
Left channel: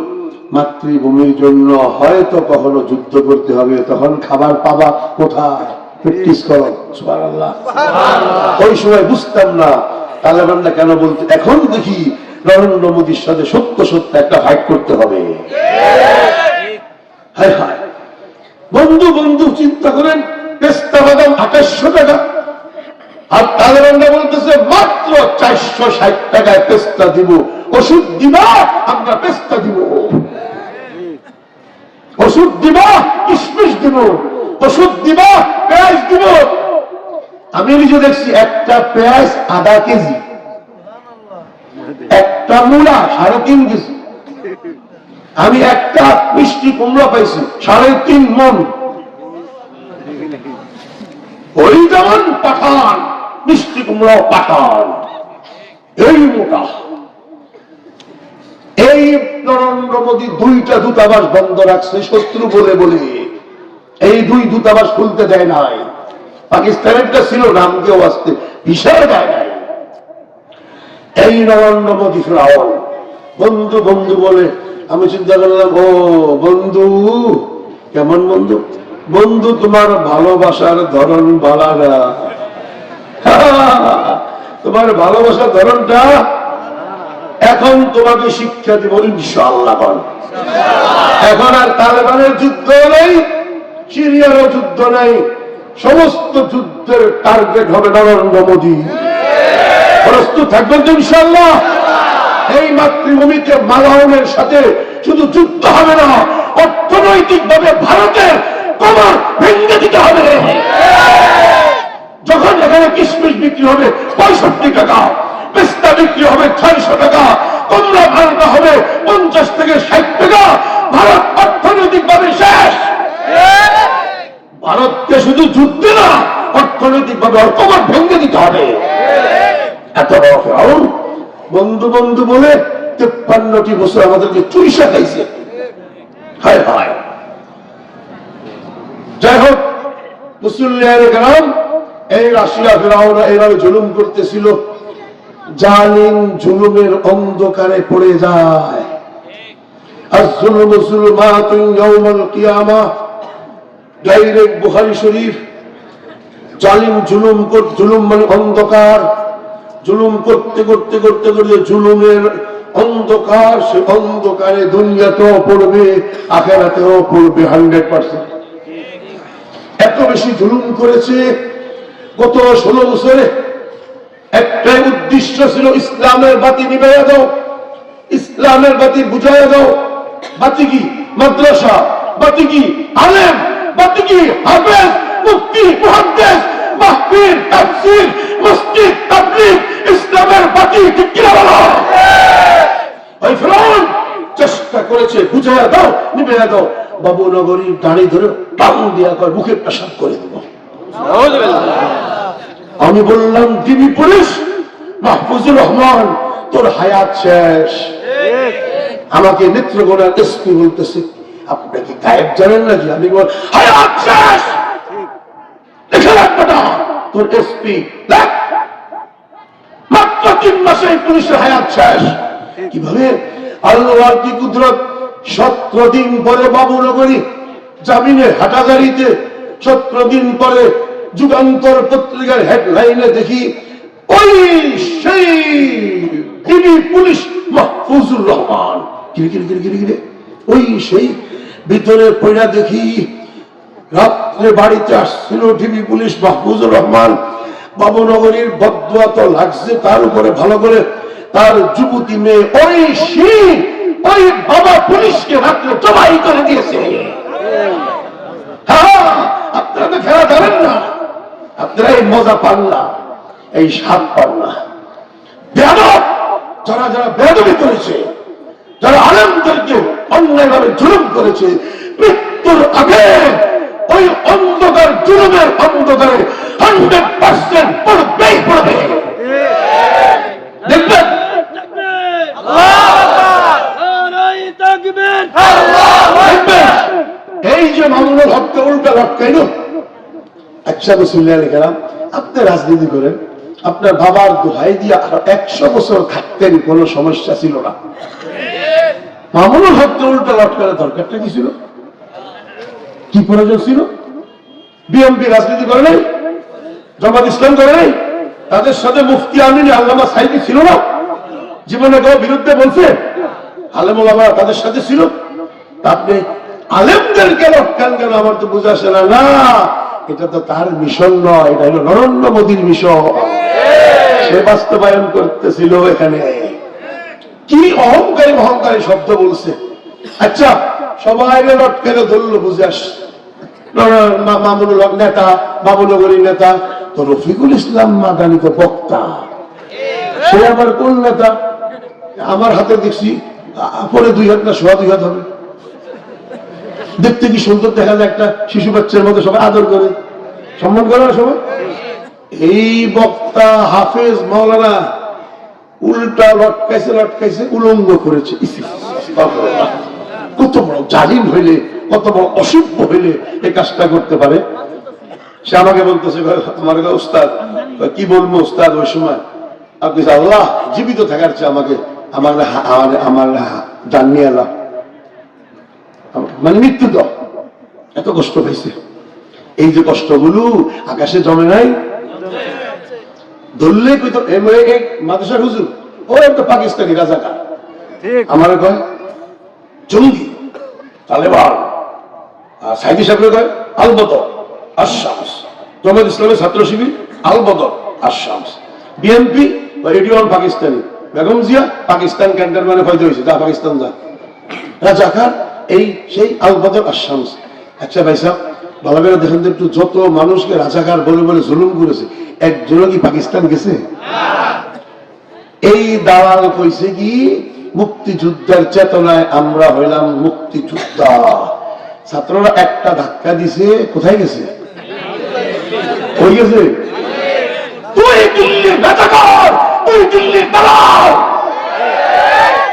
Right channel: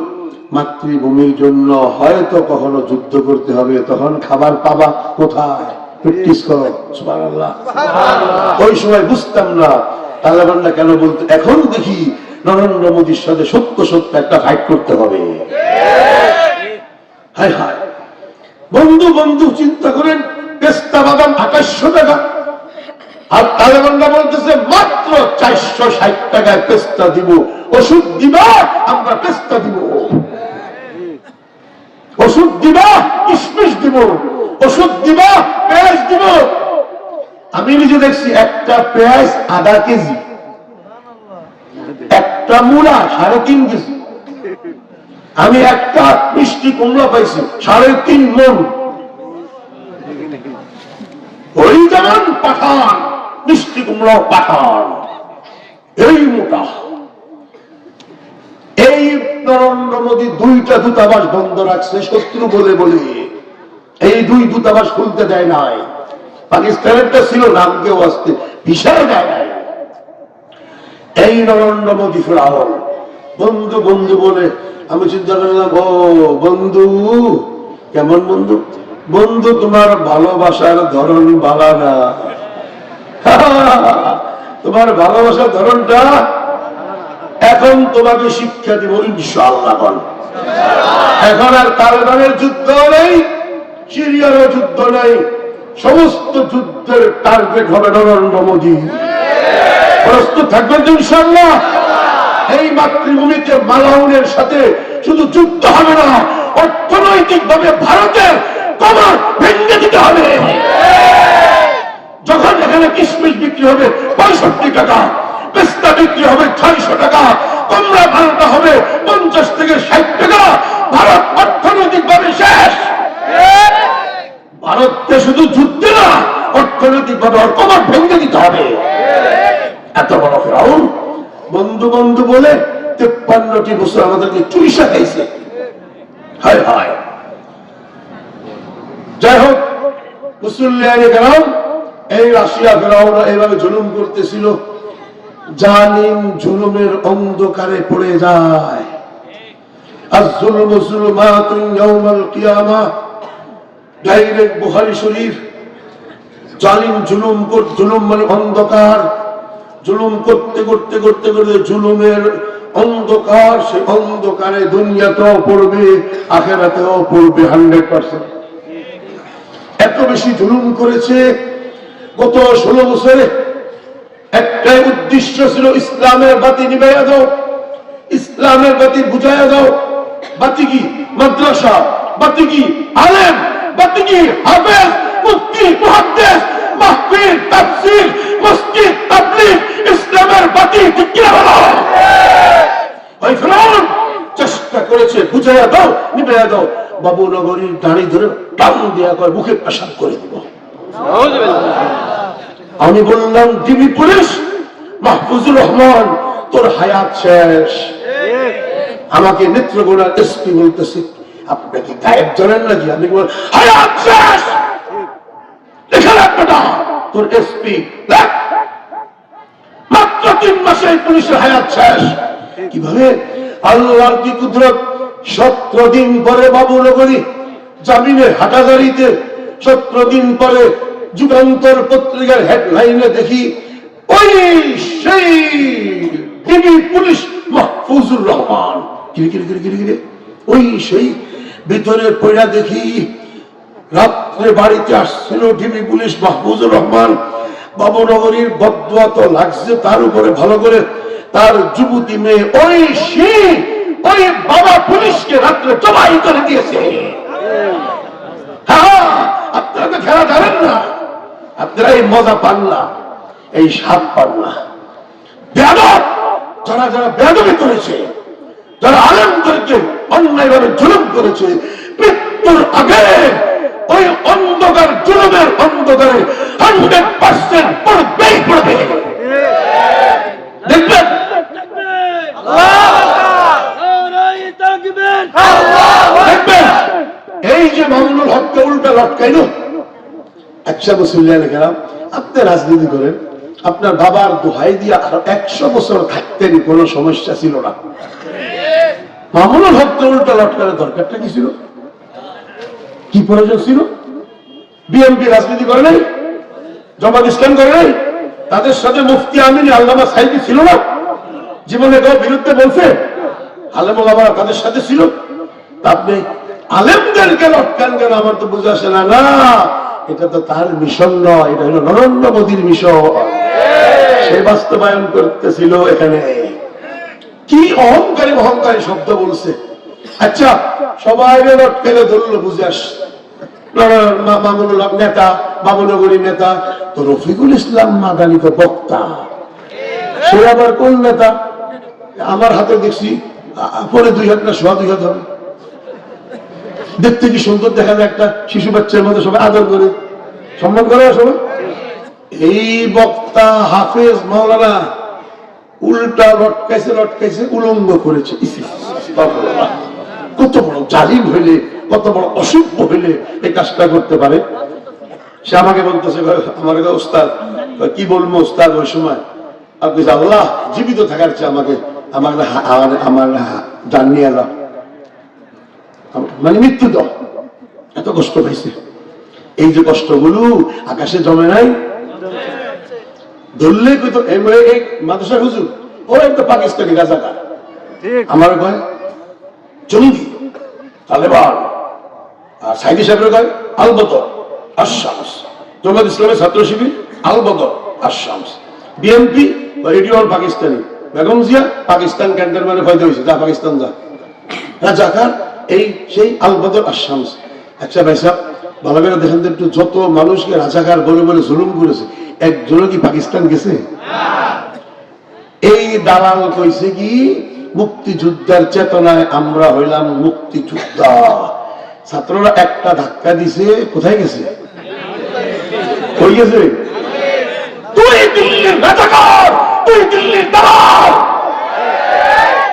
মাতৃভূমির জন্য হয়তো কখনো যুদ্ধ করতে হবে, তখন খাবার পাবা কোথায়? প্র্যাকটিস করো। সুবহানাল্লাহ। ওই সময় বুঝতাম না তালেবানরা কেন বলতে। এখন দেখি নরেন্দ্র মোদীর সাথে সত্য সত্য একটা ফাইট করতে হবে। হ্যাঁ হ্যাঁ, বন্ধু বন্ধু চিন্তা করেন, পেস্তা বাদাম 2800 টাকা। আর তালেবানরা বলতেছে মাত্র 460 টাকায় পেস্তা দিব। ওষুধ দিবা আমরা পেস্তা দিব, ওষুধ দিবা কিশমিশ দিব, ওষুধ দিবা পেঁয়াজ দিব। আমি নিজে দেখছি একটা পেঁয়াজ আধা কেজি, একটা মূলা 3.5 কেজি। আমি একটা মিষ্টি কুমড়া পাইছি 3.5 মণ। ওই যেমন পাঠান, মিষ্টি কুমড়াও পাঠান, এই মোটা। এই নরেন্দ্র মোদী 2টা দূতাবাস বন্ধ রাখছে শত্রু বলে বলে। এই 2 দূতাবাস খুলতে দেয় নাই। পাকিস্তানেরটা ছিল, নামকেও আসতে ভিসায় দেয় নাই। এই নরেন্দ্র মোদী ফিরাউন বন্ধু বন্ধু বলে। আমি চিন্তা করলাম, ও বন্ধু কেমন বন্ধু? বন্ধু তোমার ভালোবাসার ধরন বাড়া না, তোমার ভালোবাসার ধরনটা এখন তোমাকে শিক্ষা দিব ইনশাআল্লাহ। এখন আর তালেবানের যুদ্ধ নেই, সিরিয়ারও যুদ্ধ নেই, সমস্ত যুদ্ধের টার্গেট হবে নরেন্দ্র মোদী। প্রস্তুত থাকবেন তো ইনশাআল্লাহ? এই মাতৃভূমিতে মালাউনের সাথে শুধু যুদ্ধ হবে না, অর্থনৈতিক ভাবে ভারতের কোমর ভেঙে দিতে হবে। যখন এখানে কিশমিশ বিক্রি হবে 65 টাকা, পেস্তা বিক্রি হবে 600 টাকা, কমলা ভাড়াটা হবে 50 থেকে 60 টাকা, ভারত অর্থনৈতিক ভাবে শেষ। ভারতকে শুধু যুদ্ধে না, অর্থনৈতিক ভাবে কবর ভেঙে দিতে হবে। এত বড় ফিরআউন বন্ধু বন্ধু বলে 53টি বছর আমাদেরকে চুইসা খাইছে। হায় হায়। যাই হোক, মুসলিয়ানে গ্রাম এই রাশিয়া ফিরআউনরা এইভাবে জুলুম করতেছিল। জালিম জুলুমের অন্ধকারে পড়ে যায়। আয-যুলমু যুলমাতুন ইয়াওমাল কিয়ামাহ, ডাইরেক্ট বুখারী শরীফ। জালিম জুলুম মানে অন্ধকার। জুলুম করতে করতে করতে করতে জুলুমের অন্ধকার, সে অন্ধকারে দুনিয়াতেও পড়বে, আখিরাতেও পড়বে 100%। এত বেশি জুলুম করেছে গত 16 বছরে। একটাই উদ্দেশ্য ছিল, ইসলামের বাতি নিভাইয়া দাও, ইসলামের বাতি বুঝাইয়া দাও। বাতি কি? মাদ্রাসা। বাতি কি? আলেম। বাতি কি? হাফেজ, মুফতি, মুহাদ্দিস, মাহফিল, তাফসীর, মসজিদ, তাবলীগ। ইসলামের বাতি ঠিক কি বলো? ওই ফিরআউন চেষ্টা করেছে, বুঝাইয়া দাও, নিভাইয়া দাও। বাবু নগরীর দাড়ি ধরে টান দিয়া কয় মুখে পেশাব করে দেব। আমি বললাম, ডিবি পুলিশ মাহফুজুর রহমান, তোর হায়াত শেষ। আমাকে নেত্রকোনার এসপি বলতেছে, আপনাকে গায়েব জানেন নাকি? আমি বল, হায়াত শেষ। দেখে রাখবে না তোর এসপি, মাত্র 3 মাসে পুলিশের হায়াত শেষ। কিভাবে? আল্লাহর কি কুদরত। 17 দিন পরে বাবুনগরী জামিনে হাটাজারিতে, 17 দিন পরে যুগান্তর পত্রিকার হেডলাইনে দেখি ওই সেই ডিবি পুলিশ মাহফুজুর রহমান। কিরে ওই সেই ভিতরে পড়া দেখি রাত্রে বাড়িতে আসছিল ডিবি পুলিশ মাহফুজুর রহমান। বাবুনগরীর বদদোয়া তো লাগছে, তার উপরে ভালো করে তার যুবতী মেয়ে ওই ওই বাবা পুলিশকে রাত্রে জবাই করে দিয়েছে। হ্যাঁ, আপনারা তো খেলা ধরেন না, আপনারা এই মজা পান না, এই স্বাদ পান না। বেয়াদব যারা যারা বেয়াদবি করেছে, যারা আলেমদেরকে অন্যায়ভাবে জুলুম করেছে, মৃত্যুর আগে ওই অন্ধকার জুলুমের অন্ধকারে 100% পড়বেই পড়বে। দেখবেন এই যে মামুনুল হককে উল্টা লটকাইল। একশো বছর গেলাম, আপনি রাজনীতি করেন, আপনার বাবার দোহাই দিয়ে আর 100 বছর থাকতেন, কোনো সমস্যা ছিল না। মামুনুল হককে উল্টা লটকানোর দরকারটা কি ছিল? কি প্রয়োজন ছিল? বিএনপি রাজনীতি করে নাই, জামাত ইসলাম করে নাই, তাদের সাথে মুফতি আমিন আল্লামা সাইদি ছিল না? জীবনে কেউ বিরুদ্ধে বলছে? আলেম ওলামারা তাদের সাথে ছিল। আপনি আলেমদেরকে লটকান কেন? আমার তো বুঝে আসে না। না, এটা তো তার মিশন নয়, এটা হলো নরেন্দ্র মোদীর মিশন। সে বাস্তবায়ন করতেছিল এখানে। কি অহংকারী শব্দ বলছে। আচ্ছা, সবাই লটকেলে ধরলো, বুঝে আসছে মামুনুল হক নেতা, বাবুনগরী নেতা। তো রফিকুল ইসলাম মাদানী তো বক্তা, সে আবার কোন নেতা? আমার হাতে দেখছি পরে 2 হাত না 2.5 হাত হবে। দেখতে কি সুন্দর দেখা যায়, একটা শিশু বাচ্চার মধ্যে সবাই আদর করে সম্মান করে সবাই। এই বক্তা হাফেজ মাওলানা উল্টা লটকাইছে, উলঙ্গ করেছে। কত বড় জালিম হইলে, কত বড় অসভ্য হইলে এই কাজটা করতে পারে? সে আমাকে বলতেছে, আমার উস্তাদ, কি বলবো উস্তাদ, ওই সময় আপনি আল্লাহ জীবিত থাকার চেয়ে আমার জান নিয়ে এলাম, মানে মৃত্যু দাও। এত কষ্ট পাইছে। এই যে কষ্টগুলো আকাশে জমে নাই, ধরলে মাদ্রাসা হুজুর ও একটা পাকিস্তানি রাজাকার, আমার কয় জঙ্গি তালেবান, আর সাইদি সাহেব কয় আল বদর আশ-শামস, জামাত ইসলামের ছাত্র শিবির আল বদর আশ-শামস, বিএনপি রেডিও পাকিস্তানি, বেগম জিয়া পাকিস্তান ক্যান্টনমেন্টে হয়তো হয়েছে, যা পাকিস্তান যা, রাজাকার এই সেই আল বদর আশ-শামস। আচ্ছা ভাই সাহেব, ভালো করে দেখেন একটু, যত মানুষকে রাজাকার বলে বলে জুলুম করেছে, একজনও কি পাকিস্তান গেছে? এই দালাল কইছে কি মুক্তিযুদ্ধের চেতনায় আমরা হইলাম মুক্তিযোদ্ধা। ছাত্ররা একটা ধাক্কা দিছে, কোথায় গেছে? কই গেছে? তুই দিল্লির রাজাকার, তুই দিল্লির দালাল।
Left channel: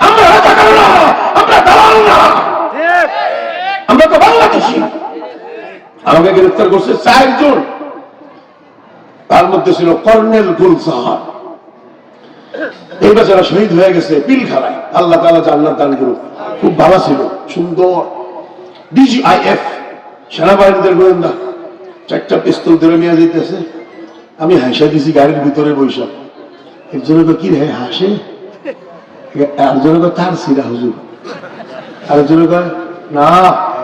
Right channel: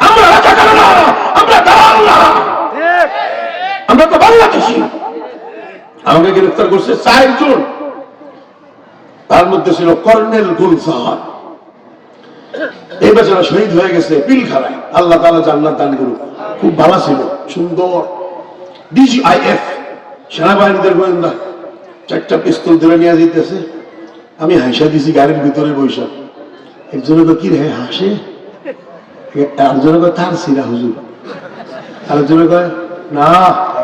আমরা রাজাকার না, আমরা দালাল না, আমরা তো বাংলাদেশি। আমাকে গ্রেফতার করছে 4 জন, তার মধ্যে ছিল কর্নেল গুলজার। এই বেচারা শহীদ হয়ে গেছে পিলখানায়, আল্লাহ তাআলা জান্নাত দান করুক। খুব ভালো ছিল, সুন্দর। ডিজিআইএফ সেনাবাহিনীদের গোয়েন্দা 4টা পিস্তল ধরে নিয়ে যেতেছে। আমি হাসা দিছি গাড়ির ভিতরে বৈশাখ। একজন কি রে হাসে, আরেকজন তার সিরা হুজুর, আরেকজন না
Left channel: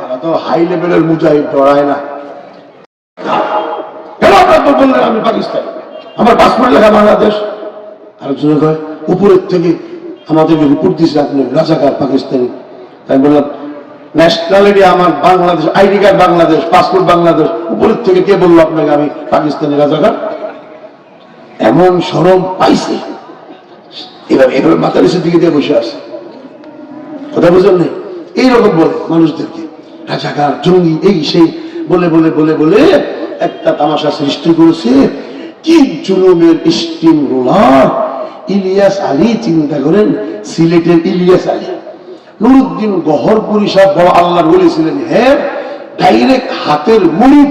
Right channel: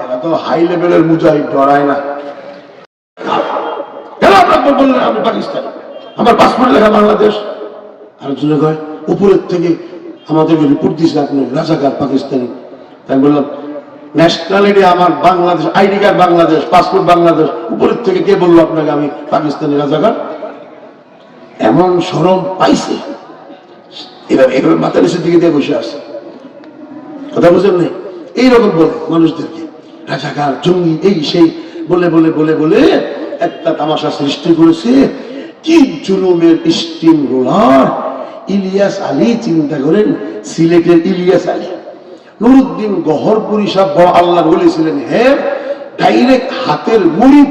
এরা তো হাই লেভেলের মুজাহিদ, ডরায় না। কেন আপনার বললেন আমি পাকিস্তানি, আমার পাসপোর্ট লেখা বাংলাদেশ। আরেকজন উপরের থেকে আমাদেরকে রিপোর্ট দিয়েছে আপনি রাজাকার পাকিস্তানি। তাই বললাম ন্যাশনালিটি আমার Bangladesh, ID card Bangladesh, passport Bangladesh. উপরের থেকে কে বললো আপনাকে আমি পাকিস্তানি রাজাকার? এমন শরম পাইছে, এভাবে এভাবে মাথা নিচের দিকে দিয়ে বসে আছে। কথা বুঝেন না? এইরকম বলে মানুষদেরকে রাজাকার, জঙ্গি, এই সেই বলে বলে বলে বলে একটা তামাশা সৃষ্টি করেছে। কি জুলুমের স্টিম রোলার! ইলিয়াস আলী, চিন্তা করেন, সিলেটের ইলিয়াস আলী, নুরুদ্দিন গহরপুরি সাহেব বড় আল্লাহর ওলি ছিলেন। হ্যাঁ, ডাইরেক্ট হাতের মুড়ি,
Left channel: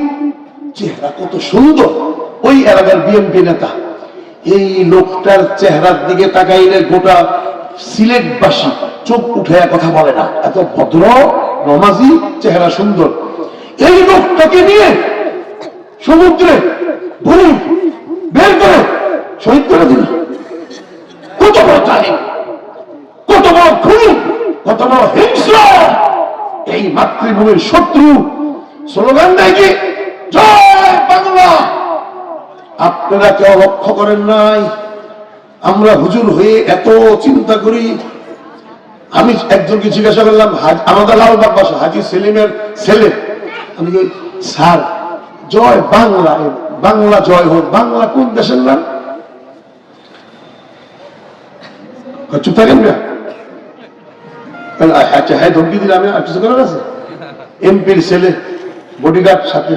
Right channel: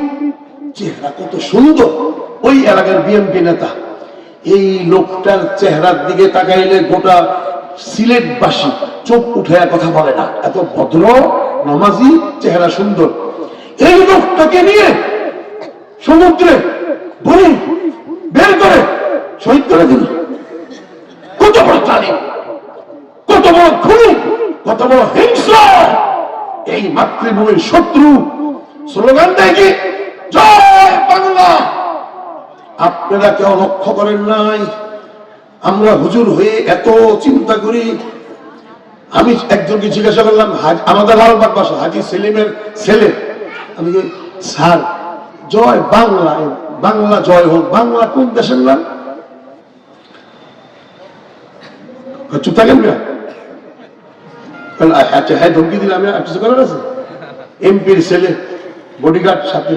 চেহারা কত সুন্দর। ওই এলাকার বিএনপি নেতা। এই লোকটার চেহারার দিকে তাকাইলে গোটা সিলেটবাসী চোখ উঠে কথা বলে না, এত ভদ্র নমাজি, চেহারা সুন্দর। এই লোকটাকে নিয়ে সমুদ্রে ভুল বের করে শহীদ করে দিল। কত বড় জালিম, কত বড় খুনি, কত বড় হিংস্র! এই মাতৃভূমির শত্রু স্লোগান দেয় কি জয় বাংলা। আপনারা কেউ লক্ষ্য করেন নাই? আমরা হুজুর হয়ে এত চিন্তা করি। আমি একজনকে জিজ্ঞাসা করলাম, আমাদের লালবাগ বাসা হাজি সেলিমের ছেলে, আমি স্যার জয় বাংলা, বাংলা জয় হোক, বাংলা কোন দেশের নাম? চুপ থাকেন না। আচ্ছা হ্যাঁ, ধমকি দিলাম, আছে এমপির ছেলে, বডিগার্ড সাথে।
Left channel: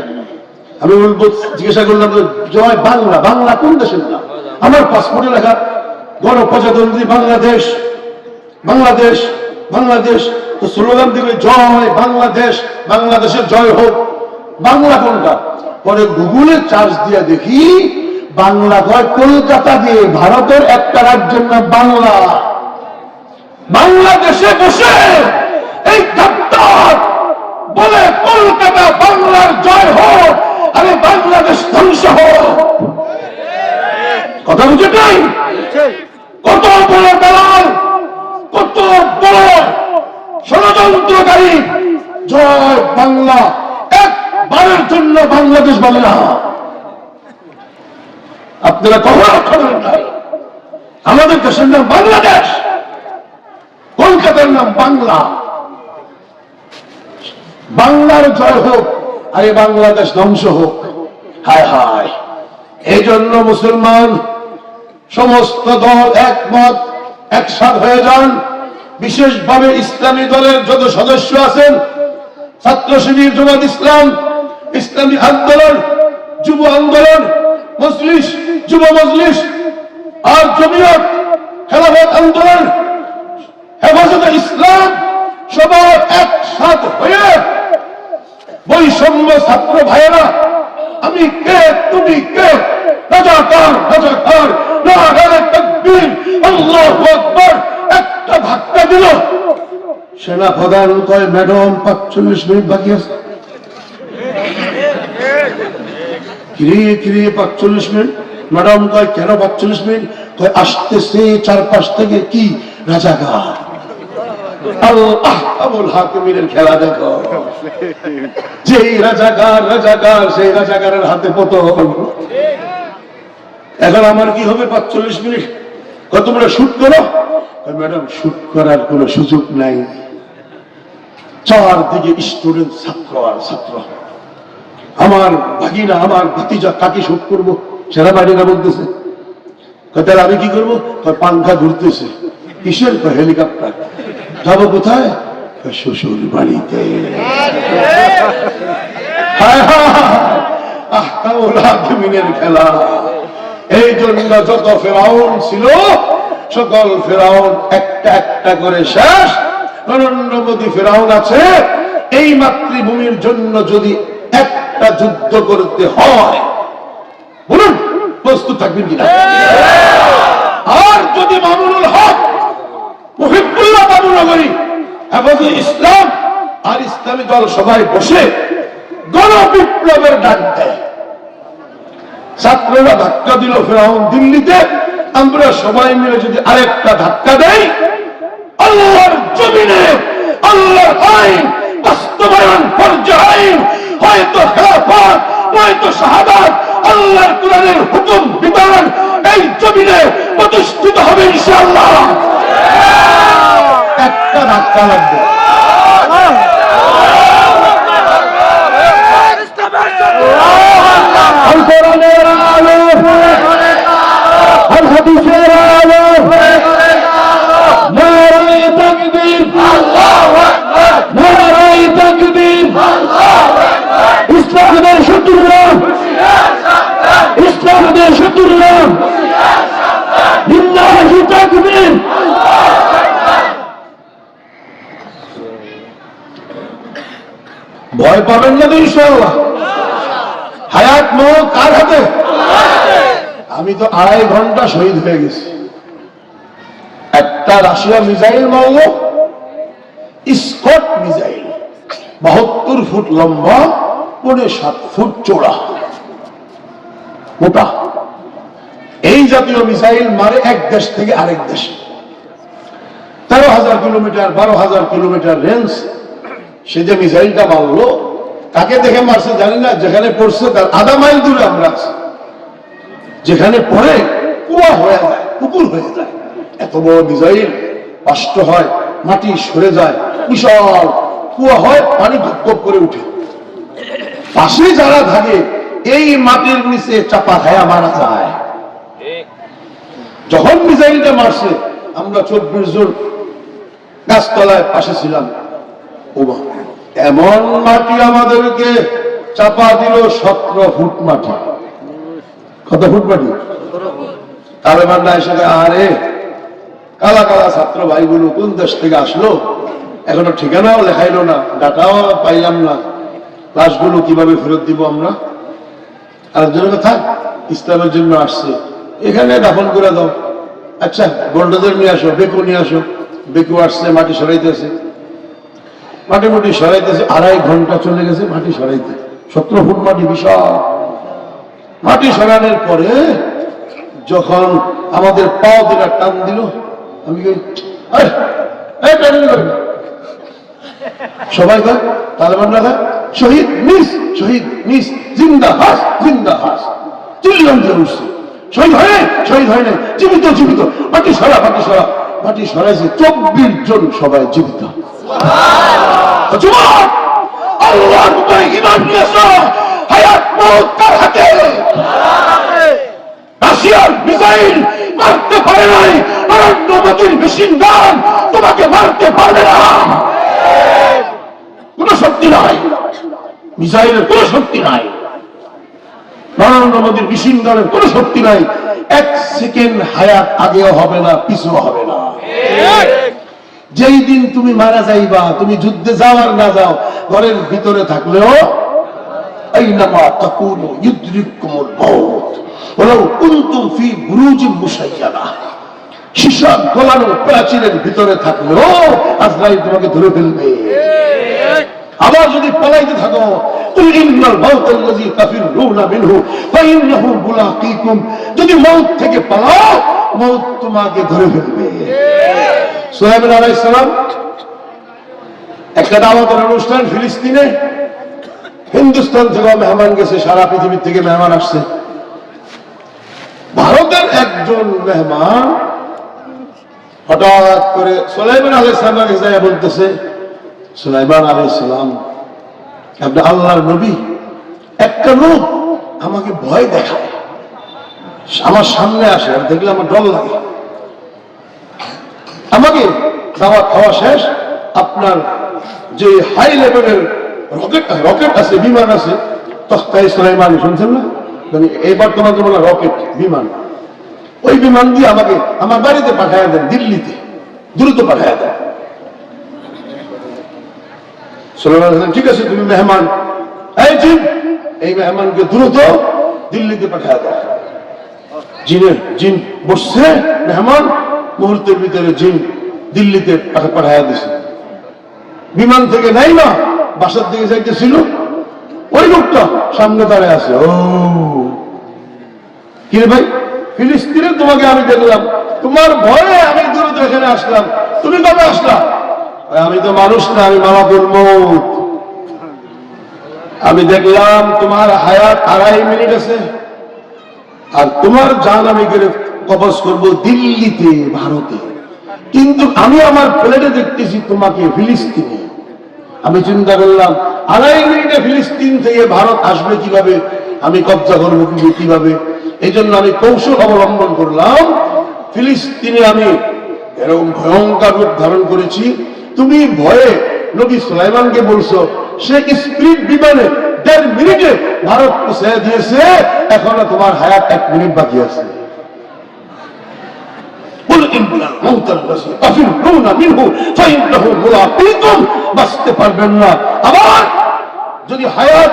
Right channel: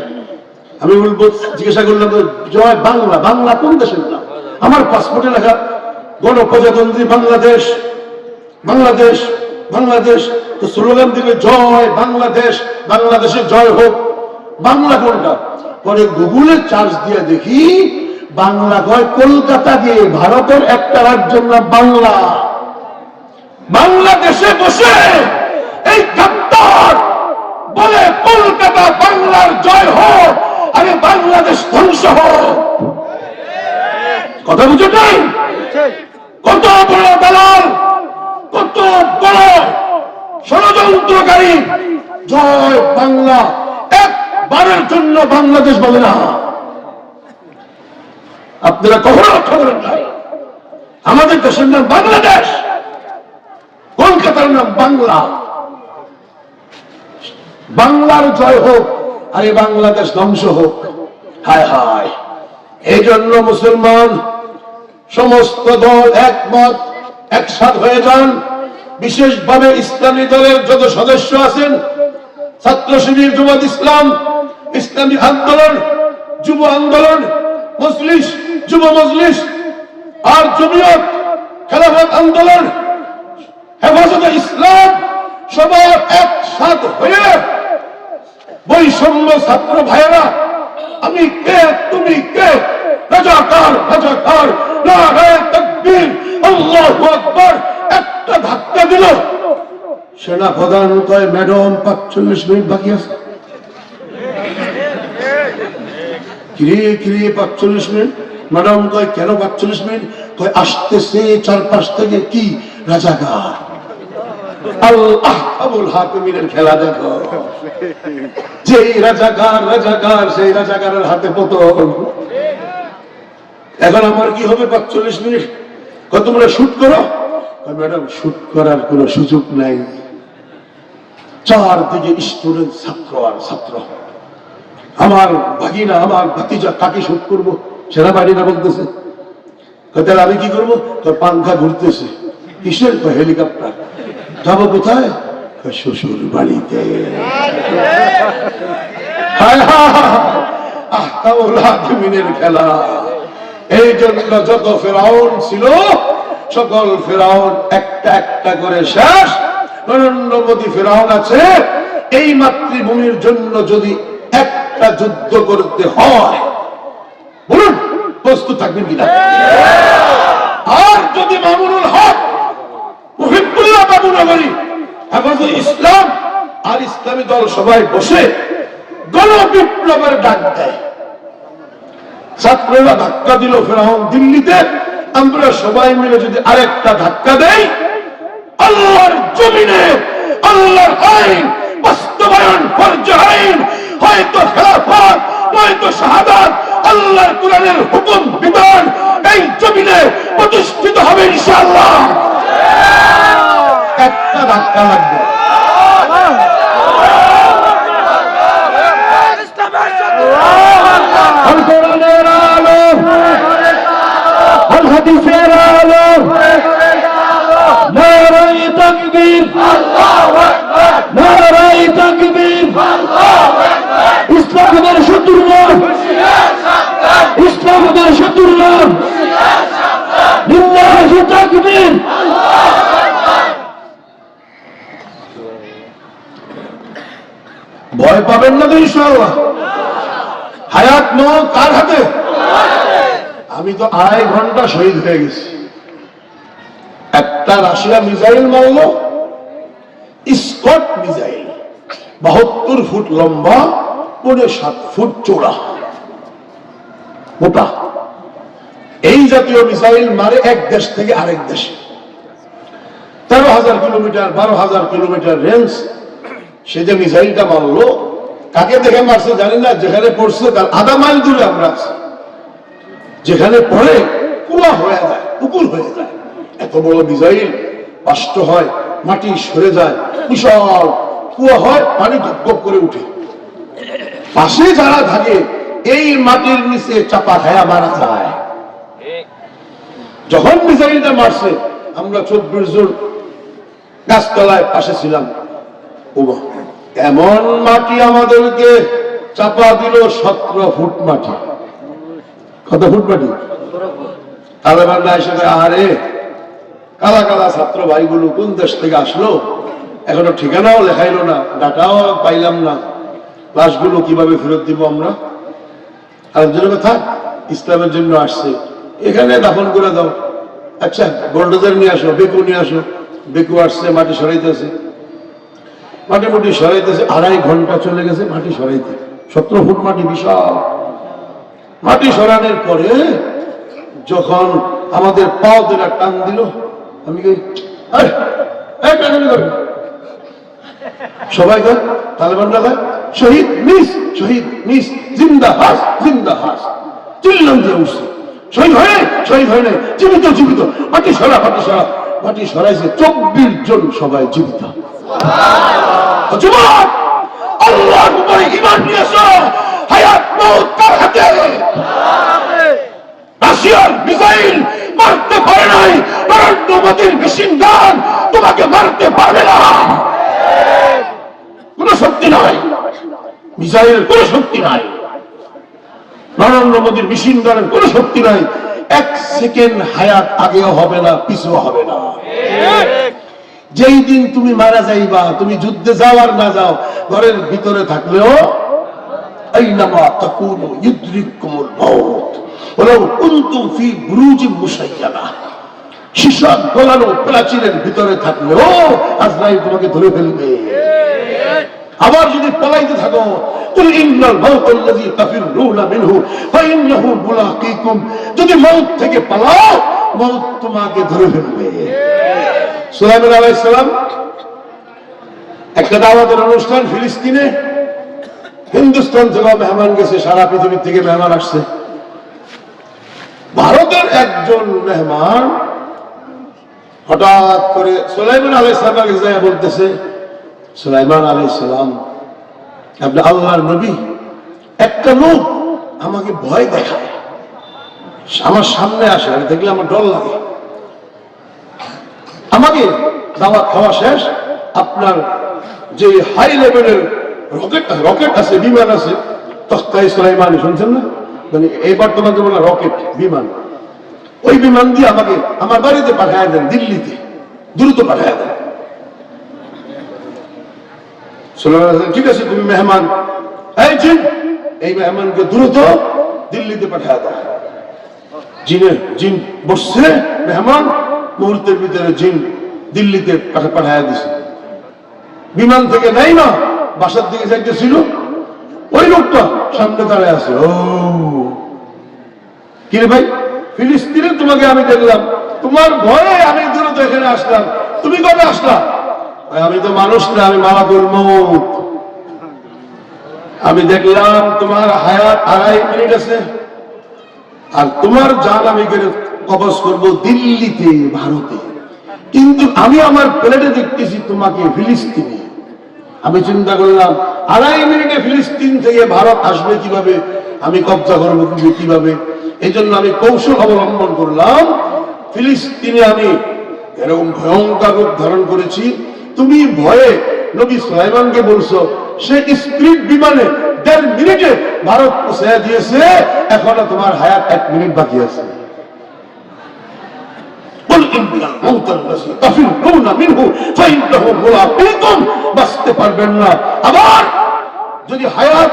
আমি বলবো, জিজ্ঞাসা করলাম জয় বাংলা, বাংলা কোন দেশের নাম? আমার পাসপোর্টে লেখা গণপ্রজাতন্ত্রী বাংলাদেশ, বাংলাদেশ, বাংলাদেশ। তো স্লোগান দিবে জয় বাংলাদেশ, বাংলাদেশের জয় হোক। বাংলা কোনটা? পরে গুগলে চার্জ দিয়ে দেখি বাংলা হয় কলকাতা দিয়ে, ভারতের একটা রাজ্যের নাম বাংলা। বাংলাদেশে বসে এই গাদ্দার বলে কলকাতা বাংলার জয় হোক, আরে বাংলাদেশ ধ্বংস হোক। কথা বুঝে নাই? কত বড় দালাল, কত বড় ষড়যন্ত্রকারী! জয় বাংলা একবারের জন্য বাংলাদেশ বলে না। আপনারা কখনো খবর নাই, আমাদের দেশের নাম বাংলাদেশ, কলকাতার নাম বাংলা। বাংলার জয় হোক, আরে বাংলাদেশ ধ্বংস হোক। হায় হায়! এই জন্য মুসলমান সমস্ত দল একমত, একসাথ হয়ে যান। বিশেষভাবে ইসলামী দলের যত সদস্য আছেন, ছাত্র শিবির, জামাত ইসলাম, ইসলামী আন্দোলন, যুব আন্দোলন, মজলিস, যুব মজলিস, আর জমিয়ত, খেলাফত আন্দোলন, হেফাজতে ইসলাম, সবাই একসাথ হয়ে বৈষম্য ছাত্র ভাইয়েরা, আমি কে তুমি কে, রাজাকার রাজাকার, নারায়ে তাকবীর, আল্লাহু আকবার, একটা ধাক্কা দিল। সেনা প্রধান কয় ম্যাডাম 45 মিনিট বাকি আছে। কিরে কিরে 45 মিনিট? ম্যাডাম কয় কেন 45 মিনিট? কয় আসতেছে চারপাশ থেকে কি রাজাকার। আল্লাহ আবুল হাকিমের খেলা দেখো, যেই রাজাকার রাজাকার, সেই রাজাকারের হাতে পতন। এখন আমার কি হবে 45 মিনিট? তোমরা শুট করো। ম্যাডাম শুট করার কোন সুযোগ নাই, চারদিকে স্টুডেন্ট, ছাত্র আর ছাত্র। আমার ভাগিনা, আমার ভাতিজা, কাকে শুট করবো? সেনাবাহিনীরা বলতেছে। তাহলে আমি কি করবো? তোর পাংখা ঘুরতেছে। কিসের? হেলিকপ্টার। যাবো কোথায়? শ্বশুর বাড়িতে। জমিনের খেলা। এই জন্য যত ফেরাউন ছিল সকল ফেরাউন একটা একটা করে শেষ। নরেন্দ্র মোদী ফেরাউন আছে। এই মাতৃভূমির জন্য যদি একটা যুদ্ধ করতে হয়, বলুন প্রস্তুত থাকবেন কিনা? আর যদি মামুনুল হক, মুহিবুল্লাহ বাবুনগরী, হেফাজে ইসলাম আর ইসলামী দল সবাই বসে গণবিপ্লবের ডাক দেয়, ছাত্ররা ধাক্কা দিল ফেরাউন দিল্লিতে, আমরা সবাই মিলে যদি আরেকটা ধাক্কা দেই, আল্লাহর জমিনে আল্লাহর আইন বাস্তবায়ন পর্যায়ীন, হয়তো খেলাফত নয়তো শাহাদাত, আল্লাহর কোরআনের হুকুম বিধান এই জমিনে প্রতিষ্ঠিত হবে ইনশাআল্লাহ। একটা ধাক্কা লাগবে। কোরআনের আলো, হাদিসের আলো, নারায়ে তাকবীর, আল্লাহু আকবার, নারায়ে তাকবীর, আল্লাহু আকবার। ইসলামের শত্রুরা, ইসলামের শত্রুরা, লিল্লাহি তাকবীর। ভয় পাবেন না তো ইনশাআল্লাহ। হায়াত মওত কার হাতে? আমি তো 2.5 ঘন্টা শহীদ হয়ে গেছি। একটা রাশিয়া মিসাইল মারল, স্কট মিসাইল, 72 ফুট লম্বা, 7.5 ফুট চওড়া, মোটা। এই জাতীয় মিসাইল মারে এক দেশ থেকে আরেক দেশে। 13,000 কিলোমিটার 12,000 কিলোমিটার রেঞ্জ। সে যে মিসাইলটা মারলো, কাকে দেখে মারছে জানি না, যেখানে পড়ছে তার আধা মাইল দূরে আমরা আছি। যেখানে পড়ে কুয়া হয়ে যায়, পুকুর হয়ে যায়। এত বড় মিসাইল কষ্ট হয়, মাটি সরে যায়, বিশাল কুয়া হয়, পানি গপ করে উঠে। পাশে যারা থাকে এই মাটির নিচে চাপা খায়া মারা যায়। যখন মিসাইলটা মারছে আমরা 24 জন গাছতলায় পাশে ছিলাম। এমন মাটি আমাদেরকে চাপা দিল, 17 ফুট মাটি। কত ফুট মাটি? তালেবানরা এসে আহারে কালা কালা ছাত্র ভাইগুলো কোন দেশ থেকে আসলো, এখনো ঠিকানাও লেখাইলো না, ডাটাও পাইলাম না, লাশগুলো কিভাবে ফেরত দিব আমরা? আর জন্য থাক, ইসলামের জন্য আসছে, এখানে দাফন করে দাও। আচ্ছা গোল্ডোজার নিয়ে আসো, বেকু নিয়ে আসো। বেকু আসছে, মাটি সরাইতেছে, মাটি মাটি সরাইতেছে। 2.5 ঘন্টা চলে গেছে মাটি সরাইতে। 17 ফুট মাটি, বিশাল মাটি সরানোর পরে যখন আমাদের পাও দিলা টান দিল, আমি সবাই তালেবানরা শহীদ মিস, শহীদ মিস, জিন্দা হাস, জিন্দা হাস, চিল্লাম দিয়ে উঠছে। শহীদ হয়, শহীদ হয় না, জীবিত, জীবিত। মাটি সরা, মাটি সরা, মাটি সরাইছে। 24 জন সবাই জীবিত। যুবক, আল্লাহর উপরে ঈমান নিয়েছ, হায়াত মওত কার হাতে? রাশিয়ার মিসাইল মারতে পারে নাই, নরেন্দ্র মোদীর মেশিনগান তোমাকে মারতে পারবে না। কোন শক্তি নাই, মিসাইলের কোন শক্তি নাই, নরেন্দ্র মোদীর মেশিনগানের কোন শক্তি নাই। 1 সেকেন্ড হায়াত আগেও হবে না, পিছুও হবে না। যেই দিন তুমি মারা যাইবা, তুমি যুদ্ধে যাও আর না যাও, ঘরের ভিতরে থাকলেও আইনামা তাকুনু ইউদরিকুমুল মাউত ওয়ালাউ কুনতুম ফি বুরুজিন মুশাইয়াদা। সীসা গলানো প্রাচীরের ভিতরে থাকলেও আজরাইল তোমাকে ধরে ফেলবে। আবার যদি পলাইতে থাকো, কুল ইন্নাল মাউতাল্লাযী তাফিরুনা মিনহু ফাইন্নাহু মুলাকীকুম, যদি মউত থেকে পালাও, মউত তোমাকে ধরে ফেলবে। সুলাইমান আলাইহিস সালাম একটা দাওয়াতের অনুষ্ঠান ফিলিস্তিনে, হিন্দুস্তান থেকে মেহমান গেছে, সারা পৃথিবী থেকে মেহমান আসছে। ভারতের একজন মেহমান হঠাৎ করে সুলাইমান আলাইহিস সালামের কাছে বলতেছে, সুলাইমান আলাইহিস সালাম আপনি আল্লাহর নবী, একটা লোক আমাকে ভয় দেখায়, আমার সামনে আসে, আর দেখলে আমার ডর লাগে। আমাকে দাওয়াত খাওয়া শেষ, আপনার যে হাই লেভেলের রকেট আছে, বিমান আছে, তখতায়ে সুলাইমানি শুনছেন না, মানে এই বর্তমান জমানা রকেট বিমান, ওই বিমান দিয়ে আমাকে আমার বাড়িতে পাঠায় দেন, দিল্লিতে দ্রুত পাঠায় দেন। সুলাইমান বললেন, ঠিক আছে তুমি মেহমান, এই জিন এই মেহমানকে দ্রুত দিল্লিতে পাঠায় দেন। জিন বসছে, মেহমান মুহূর্তের ভিতরে জিন দিল্লিতে পাঠায় দিছে। বিমান থেকে নাই না, বাসার দিকে যাইতেছিল, ওই লোকটা সামনে দাঁড়ায় আছে। ও কিরে ভাই, ফিলিস্তিনে তোমাকে আমি দেখলাম, তোমার ভয়ে আমি দ্রুত এখানে আসলাম, তুমি কবে আসলা? আমি তো মানুষ না, আমি মালাকুল মউত। আমি দেখলাম তোমার হায়াত 2.5 মিনিট আছে, আর তোমার জান আমি কবজ করবো দিল্লিতে, ভারতে। কিন্তু আমি আমার প্লেটে দেখতেছি তোমাকে ফিলিস্তিনে। আমি চিন্তা করলাম 2.5 মিনিটে ফিলিস্তিন থেকে ভারত আসবে কিভাবে, আমি কবজা করবো কিভাবে। এই জন্য আমি কৌশল অবলম্বন করলাম, ফিলিস্তিনে আমি এরকম ভয়ঙ্কর রূপ ধারণ করেছি। তুমি ভয়ে নবী সুলাইমানকে বলছো, সে স্পিড বিমানে 1.5 মিনিটে ভারত পৌঁছে দিয়েছে, এখনো তোমার হায়াত 1 মিনিট বাকি আছে। বাঁচতে পারবেন না। আবার যদি হায়াত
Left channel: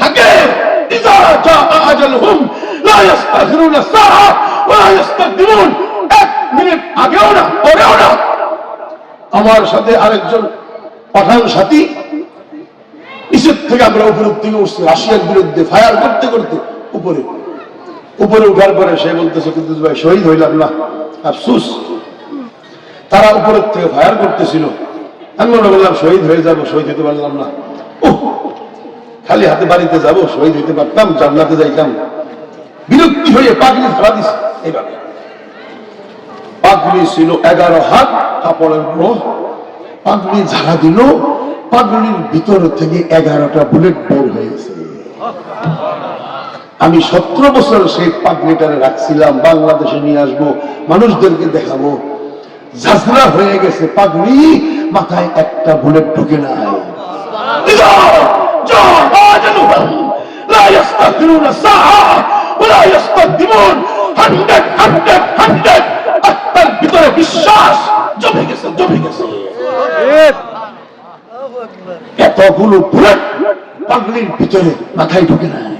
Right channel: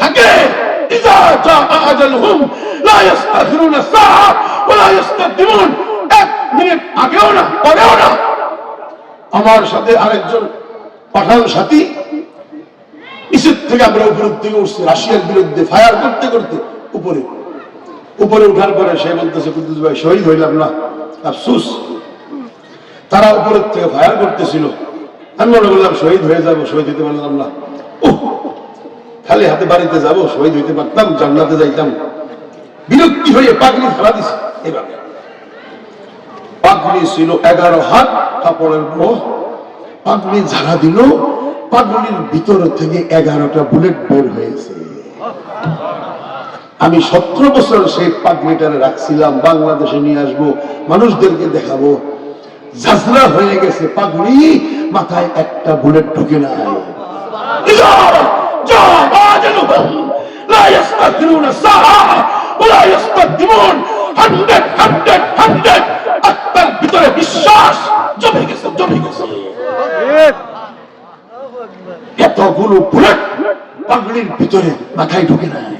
থাকে, মিনিট আগেও না পরেও না। আমার সাথে আরেকজন পাঠান সাথী, নিচের থেকে আমরা উপরের দিকে উঠছি, রাশিয়ার বিরুদ্ধে ফায়ার করতে করতে উপরে উঠার পরে সে বলতেছে, কুদ্দুস ভাই শহীদ হইলাম না, আফসুস। তারা উপরের থেকে ফায়ার করতেছিল, আমি মনে করলাম শহীদ হয়ে যাবো, শহীদ হইতে পারলাম না। খালি হাতে বাড়িতে যাবো, শহীদ হইতে পারতাম, জান্নাতে যাইতাম। বিরক্তি হয়ে পাগড়ি ফেলা দিছে। এবার পাগড়ি ছিল 11 হাত কাপড়ের উপর, পাগড়ি ঝাড়া দিল, পাগড়ির ভিতর থেকে 11টা বুলেট বের হয়েছে। আমি 17 বছর সেই পাগড়িটারে রাখছিলাম, বাংলাদেশে নিয়ে আসবো, মানুষদেরকে দেখাবো। ঝাঁঝরা হয়ে গেছে পাগড়ি, মাথায় একটা বুলেট ঢুকে নাই। ভিতরে বিশ্বাস জমে গেছে, জমে গেছে। এতগুলো বুলেট পাগড়ির ভিতরে মাথায় ঢুকে নাই,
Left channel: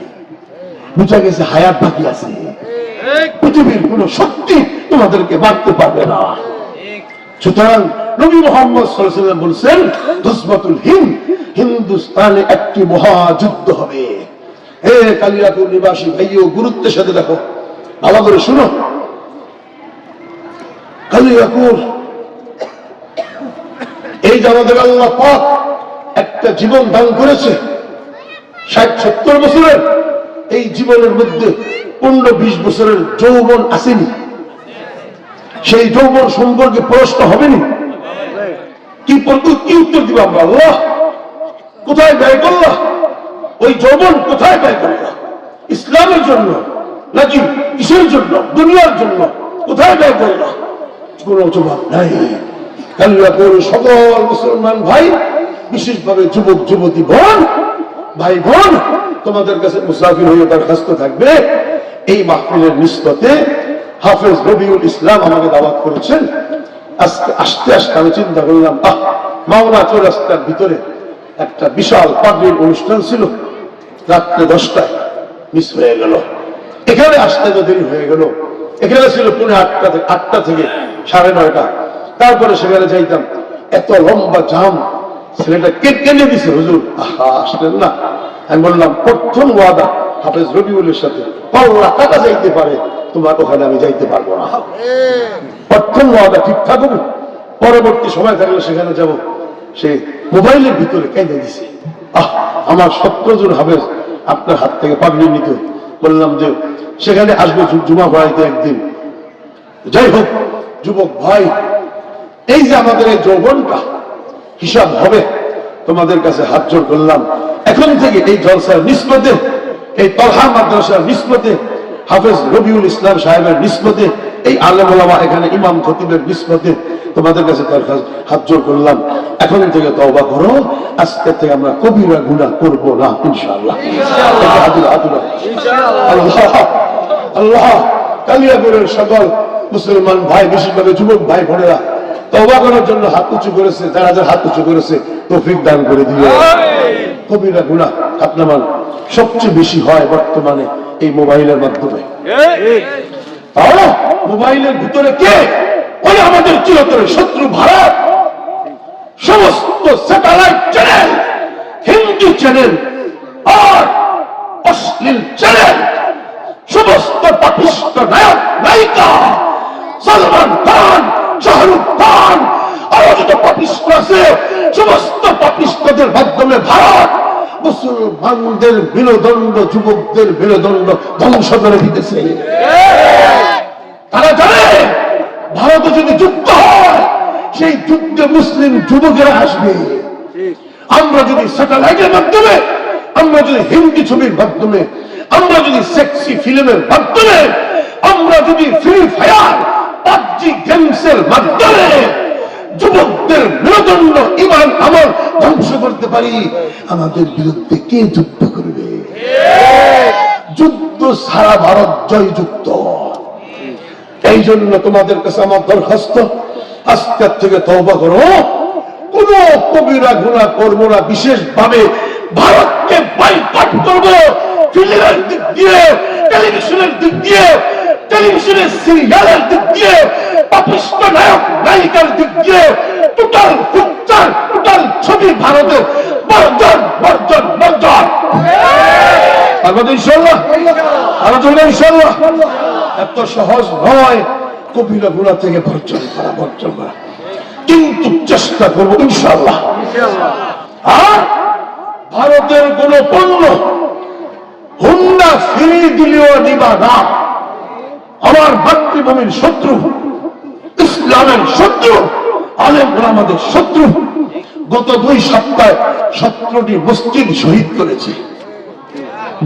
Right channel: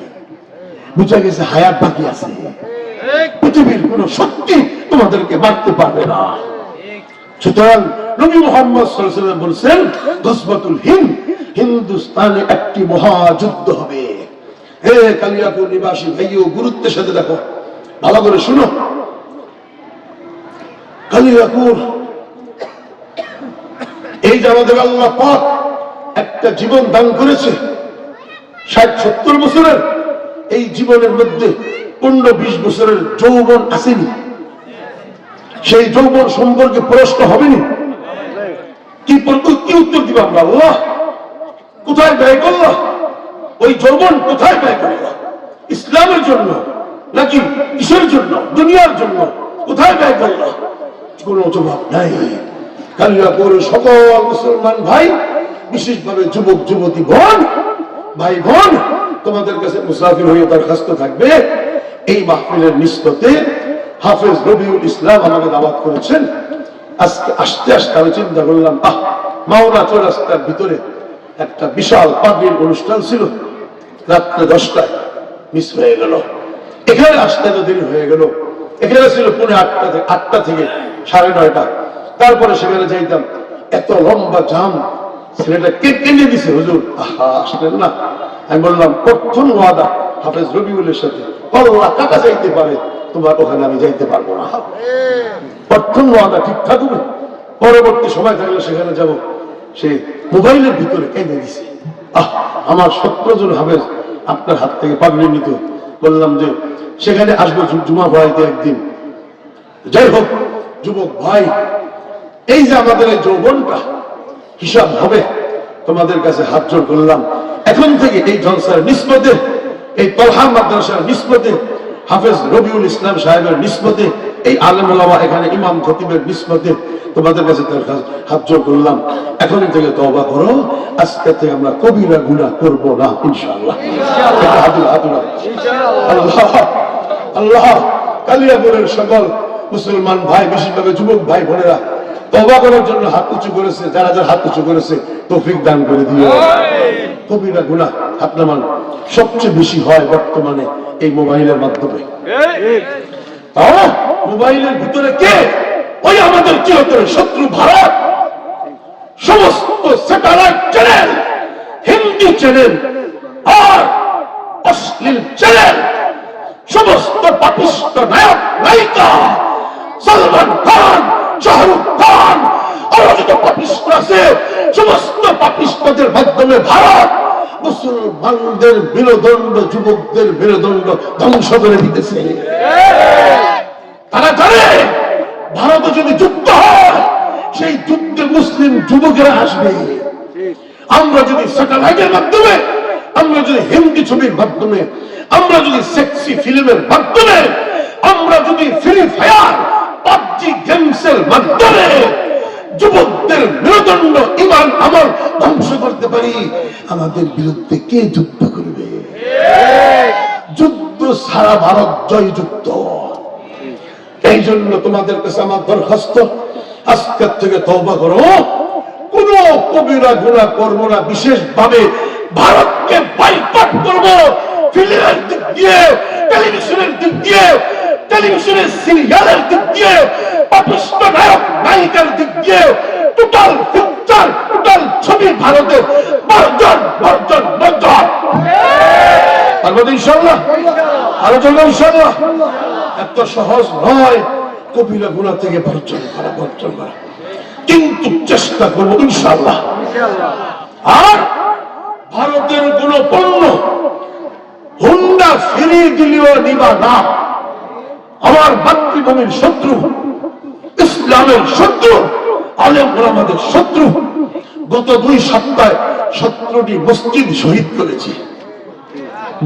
বুঝা গেছে হায়াত বাকি আছে। পৃথিবীর কোন শক্তি তোমাদেরকে মারতে পারবে না। সুতরাং নবী মুহাম্মদ সাল্লাল্লাহু আলাইহি ওয়াসাল্লাম বলেছেন, গজওয়াতুল হিন্দ, হিন্দুস্তানে একটি মহাযুদ্ধ হবে। হে কালিয়াপুর নিবাসী ভাইও, গুরুত্বের সাথে দেখো, ভালো করে শুনো। কালিয়াপুর, এই যে আমাদের আল্লাহ পাক একটা জীবন দান করেছে, 60-70 বছরের, এই জীবনের মধ্যে 15-20 বছরের যৌবন আসেনি। সেই যৌবন সম্পর্কে প্রশ্ন হবেনি, কি উত্তর দিব আমরা? আল্লাহ কোথায় ব্যয় করলাম? ওই যৌবন কোথায় ব্যয় করলাম? ইসলামের জন্য নাকি কিসের জন্য? দুনিয়ার জন্য কোথায় ব্যয় করলাম? কোনো জবাব নাই। কালিয়াপুর সকল মুসলমান ভাই, বিশেষভাবে যুবক যুবতী বোন, ভাই বোন, তোমাদের কাছে মুসাফির হয়ে দরখাস্ত থাকবে, এই মাহফিলের নিস্বতে হাফেজ রবিউল ইসলাম আমাকে দাওয়াত করেছেন। আজকে আসতে আসতে আমি চিন্তা করলাম, মাওনা চৌরাস্তার ভিতরে একটা বিশাল পাগড়ির অনুষ্ঠান ছিল, রাত্রে 10টায় মিস হয়ে গেল। এখানে আসতে তো দেরি হয়ে গেল। এখানে ছিল পুনে 8টা থেকে 9:30। তারপরে সেখানে যাইতাম, এত লম্বা জাম, ছেলেটা কেটে দিছে, হুজুর আসলেন না। আমি বললাম, প্রথম ওয়াদা হাফেজ রবিউলের সাথে, কল্লা টাকা যাইতে পারে, তোমার ওখানে আমি যাইতে পারবো না। প্রথম ওয়াদা ঠিক থাকবো, পরবর্তী সময় থাকলে সেখানে যাব। সে মোবাইলের ভিতরে কেঁদে দিছে। আমার 17 জন হাফেজ আপনার হাত থেকে পাগড়ি নিত। বললাম যে সেখানে আসবো জুমা পড়াইতে একদিন। যাই হোক যুবক ভাই, এই যে আমাদের এই যৌবনটা হিসাব হবে, তোমাদের কাছে হাত জোড় করলাম, এখন থেকে এই জলসার নিসবতে, এই তলহা মাদ্রাসার নিসবতে হাফেজ রবিউল ইসলাম সাহেবের নিসবতে, এই আলেম ওলামা এখানে ইমাম খতিবের নিসবতে তোমাদের কাছে হাত জোড় করলাম, এখন থেকে তওবা করো, আজকে থেকে আমরা কবিরা গুনাহ করব না ইনশাআল্লাহ। আল্লাহ আল্লাহ কালিয়াপুরের সকল মুসলমান ভাই, বিশেষভাবে যুবক ভাই বোনেরা তওবা করার জন্য হাত উঁচু করেছে, যারা যারা হাত উঁচু করেছে তৌফিক দান করে দিও। কবিরা গুনাহ হাত নামান সবচেয়ে বেশি হয় বর্তমানে এই মোবাইলের মাধ্যমে। মোবাইলের ভিতরে কে? ওই আমাদের চিরতরে শত্রু ভারত। সমস্ত স্যাটেলাইট চ্যানেল, হিন্দি চ্যানেল আর অশ্লীল চ্যানেল, সমস্ত পাপিষ্ট নায়ক নায়িকা, সলমান খান, শাহরুখ খান, আরো যত পাপিষ্ট আছে, সমস্ত পাপিষ্টদের মাধ্যমে ভারত মুসলমানদের বিনোদণ্ড, যুবকদের বিনোদণ্ড ধ্বংস করে দিতেছে। তারা জানে ভারতে যদি যুদ্ধ হয়, সেই যুদ্ধে মুসলিম যুবকেরা আসবে। আমরা যদি স্যাটেলাইটের মাধ্যমে, আমরা যদি হিন্দি ছবির মাধ্যমে, আমরা যদি সেক্সি ফিল্মের মাধ্যমে, আমরা যদি ফ্রি ফায়ার পাবজি গেমসের মাধ্যমে যুবকদের মেরুদণ্ড ঈমান আমল ধ্বংস করতে পারি, আমাদের বিরুদ্ধে কে যুদ্ধ করবে? যুদ্ধ সারা ভারত জয়যুক্ত। এই জন্য তোমাদের কাছে আমার দরখাস্ত, আজকের থেকে তওবা করো, কোন কবিরা গুনাহ করবো না। বিশেষভাবে ভারতকে বয়কট করবো, ফিল্মের দিক দিয়ে, টেলিভিশনের দিক দিয়ে, টেলিভিশনের সিরিয়ালের দিক দিয়ে, পাপিষ্ট নায়ক নায়িকার দিক দিয়ে, টোটাল পিকচার, টোটাল ছবি ভারতের বর্জন বর্জন বর্জন। তারপর ইনশাআল্লাহ আলোচনা ইনশাআল্লাহ। এত সহজ নয় কবিরা গুনাহ থেকে বর্জন করা, বর্জন করা, কিন্তু চেষ্টা করবো ইনশাআল্লাহ। আর ভারতের কোন পণ্য হুন্ডা ফিরি দিলেও দিবা না। আমার মাতৃভূমির শত্রু, ইসলামের শত্রু, আলেম ওলামাদের শত্রু। গত 2 সপ্তাহে 17টি মসজিদ শহীদ করেছে।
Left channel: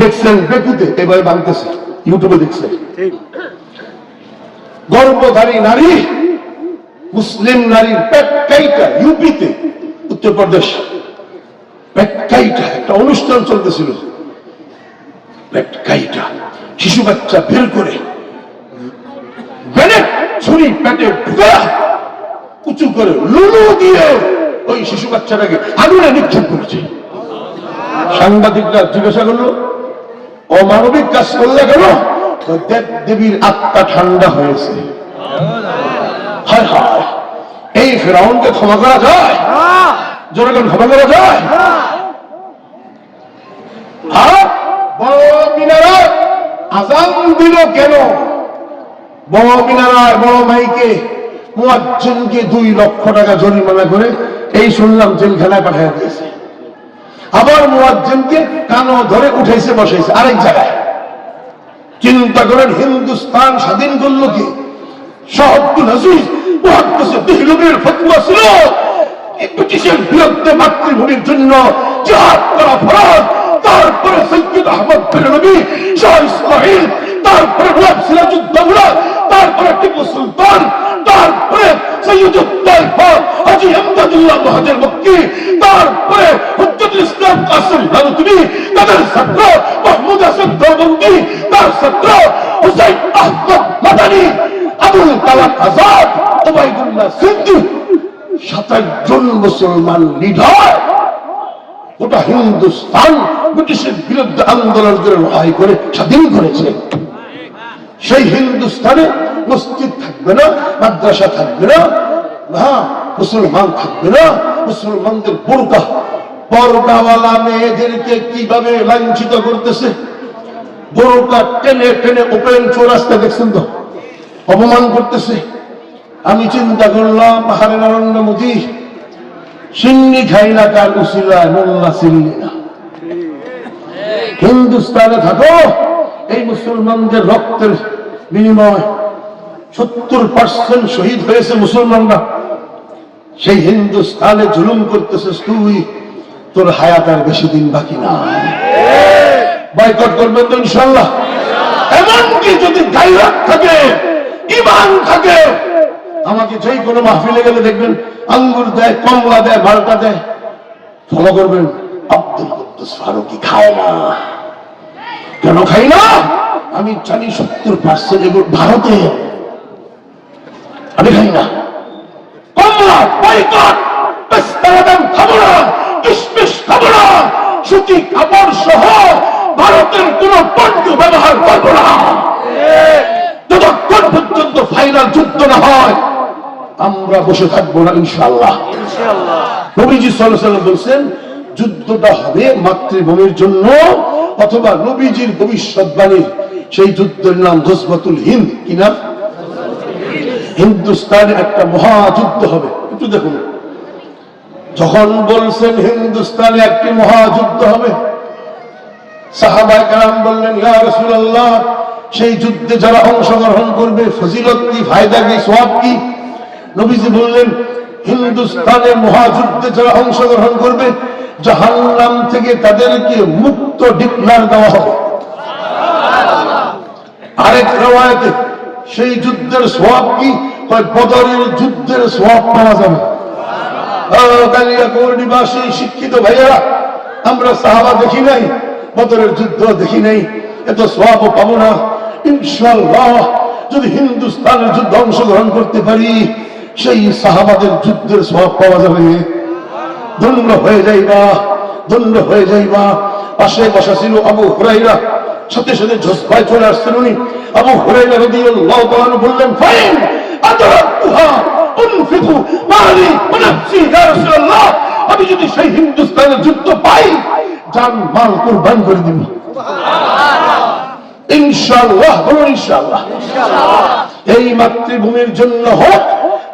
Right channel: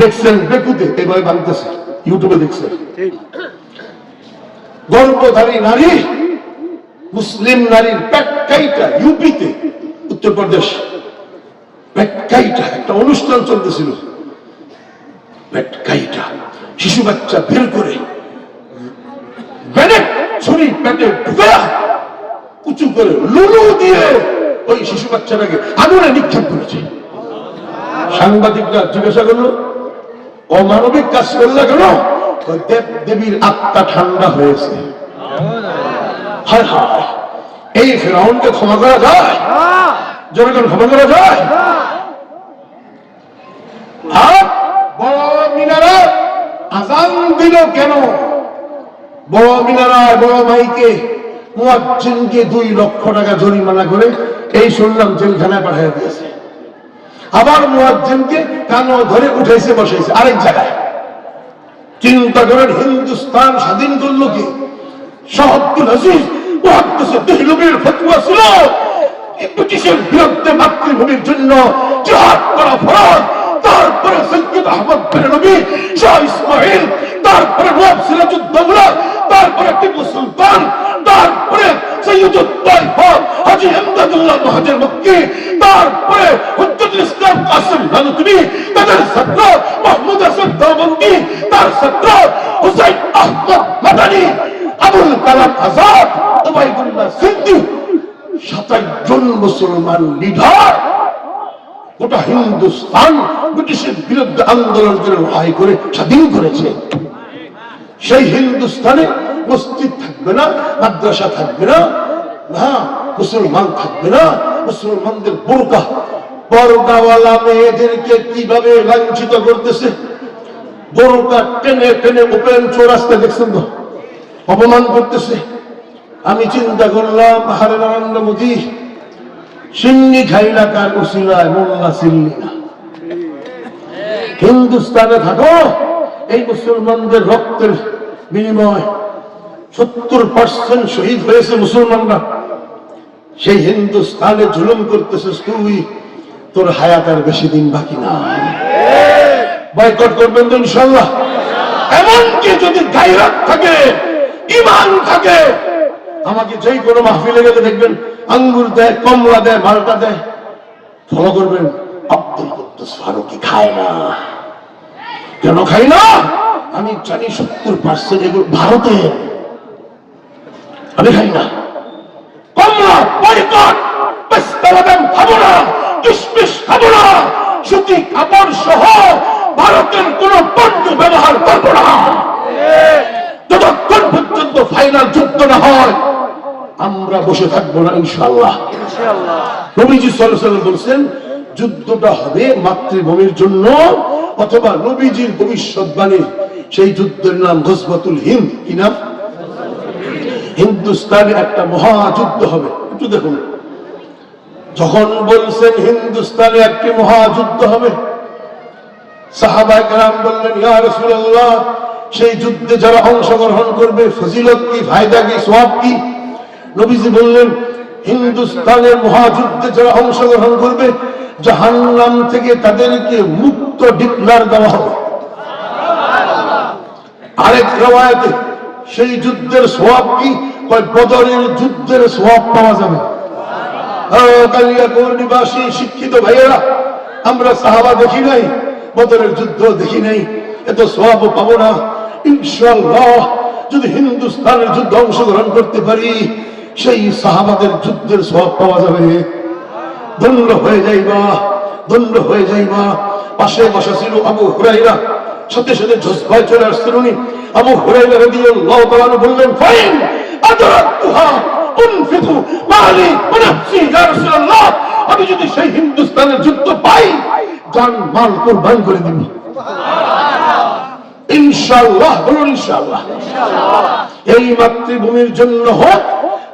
দেখছেন বেকুতে, এবার বাংলাদেশে ইউটিউবে দেখছেন। গর্ভধারী নারী, মুসলিম নারীর পেট কাইটা, ইউপিতে, উত্তরপ্রদেশ, পেট কাইটা একটা অনুষ্ঠান চলতেছিল। পেট কাইটা শিশু বাচ্চা বের করে ছুরি পেটে ঢুকে উঁচু করে লুলু দিয়ে ওই শিশু বাচ্চাটাকে আগুনে নিক্ষেপ করেছে। সাংবাদিকরা জিজ্ঞাসা করলো, অমানবিক কাজ করলে কেন? দেব দেবীর আত্মা ঠান্ডা হয়েছে। হায় হায়, এই ফেরাউনকে ক্ষমা করা যায়? জনগণ ক্ষমা করা যায়? আর বড় মিনারায় আজান দিল কেন? বড় মিনারায় বড় মাইকে মুয়াজ্জিনকে 2 লক্ষ টাকা জরিমানা করে এই শুনলাম জেলখানায় পাঠিয়ে দিয়েছে। আবার মুয়াজ্জিনকে কানো ধরে উঠেছে বসেছে আরেক জায়গায়। চিন্তা করেন, হিন্দুস্তান স্বাধীন করলো কি? শাহ আব্দুল আজিজ মুহাদ্দিস দেহলভির ফতোয়া ছিল ব্রিটিশের বিরুদ্ধে মাতৃভূমির জন্য জিহাদ করা ফরজ। তারপরে সৈয়দ আহমদ বেরলভী, শাহ ইসমাইল, তারপরে নবাব সিরাজউদ্দৌলা, তারপরে টিপু সুলতান, তারপরে সৈয়দুত তাইফা হাজী ইমদাদুল্লাহ মুহাজির মক্কি, তারপরে হুজ্জাতুল ইসলাম কাসিম নানুতুবি, তাদের ছাত্র মাহমুদ হাসান দেওবন্দি, তার ছাত্র হুসাইন আহমদ মাদানী, আবুল কালাম আজাদ, ওবায়দুল্লাহ সিদ্দিকী, 27 জন মুসলমান লিডার গোটা হিন্দুস্তান ব্রিটিশের বিরুদ্ধে আন্দোলন করে লড়াই করে স্বাধীন করেছে। সেই হিন্দুস্তানে মসজিদ থাকবে না, মাদ্রাসা থাকবে না, মুসলমান থাকবে না। মুসলমানদের বোরকা, পর্দাওয়ালা মেয়েদেরকে কিভাবে লাঞ্ছিত করতেছে। বোরকা টেনে টেনে ওপেন চৌরাস্তা দেখছেন তো, অপমান করতেছে। আমি চিন্তা করলাম, আহারে নরেন্দ্র মোদী, সিন্নি খাইলা কার উসিলায় মোল্লা সিল্লি না। হিন্দুস্তানে থাকো, এই মুসলমানদের রক্তের বিনিময় 70% শহীদ হয়েছে মুসলমানরা। সেই হিন্দুস্তানে জুলুম করতেছিস তুই, তোর হায়াত আর বেশি দিন বাকি না। বয়কট করবেন তো ইনশাআল্লাহ? এমনকি যদি গায়রাত থাকে, ঈমান থাকে, আমাকে যেই কোনো মাহফিলে গেলে দেখবেন আঙ্গুর দেয়, কমলা দেয়, মালটা দেয়, ফলো করবেন আব্দুল কুদ্দুস ফারুকী খায় না। কেন খাই না? আমি জানি 70% এগুলো ভারতে, আমি খাই না। কমলা বয়কট, পেস্তা বাদাম খাবো না, কিশমিশ খাবো না, সুতি কাপড় সহ ভারতের কোন পণ্য ব্যবহার করবো না। যতক্ষণ পর্যন্ত ফাইনাল যুদ্ধ না হয় আমরা বসে থাকবো না ইনশাআল্লাহ। নবীজি সাল্লাল্লাহু আলাইহি ওয়াসাল্লাম বলেছেন যুদ্ধটা হবে মাতৃভূমির জন্য, অথবা নবীজির ভবিষ্যৎবাণী সেই যুদ্ধের নাম গজওয়াতুল হিন্দ। কি নাম? হিন্দুস্তানে একটা মহাযুদ্ধ হবে। একটু দেখুন, যখন বলছেন হিন্দুস্তানে একটি মহাযুদ্ধ হবে, সাহাবায়ে কেরাম বললেন ইয়া রাসূলুল্লাহ, সেই যুদ্ধে যারা অংশগ্রহণ করবে ফজিলত কি, ফায়দা কি, সওয়াব কি? নবীজি বললেন হিন্দুস্তানের মহাযুদ্ধে যারা অংশগ্রহণ করবে জাহান্নাম থেকে তাদেরকে মুক্ত ডিক্লার দেওয়া হবে। আরেক রওয়ায়াতে সেই যুদ্ধের সওয়াব কি? কয় বদরের যুদ্ধের সওয়াব পাওয়া যাবে। কালিয়াকৈর নিবাসী শিক্ষিত ভাইয়েরা, আমরা সাহাবা দেখি নাই, বদরের যুদ্ধ দেখি নাই, এত সওয়াবও পাবো না। ইনশাআল্লাহ যদি হিন্দুস্তানের যুদ্ধে অংশগ্রহণ করতে পারি সেই সাহাবাদের যুদ্ধের সওয়াব পাওয়া যাবে। ধন্য হয়ে যাইবা, ধন্য হয়ে যাইবা। পাশে বসা ছিল আবু হুরায়রা, সাথে সাথে ঝোঁসভাই চলে আসছেন উনি। আবু হুরায়রা রাদিয়াল্লাহু তাআলা বললেন ফাইন আদরাকতুহা উনফিকু মালি ওয়া নাফসি ইয়া রাসূলুল্লাহ, আমি যদি সেই হিন্দুস্তানের যুদ্ধ পাই জান মাল কুরবান করে দিব ইনশাআল্লাহ। বলুন ইনশাআল্লাহ। এই মাতৃভূমির জন্য হোক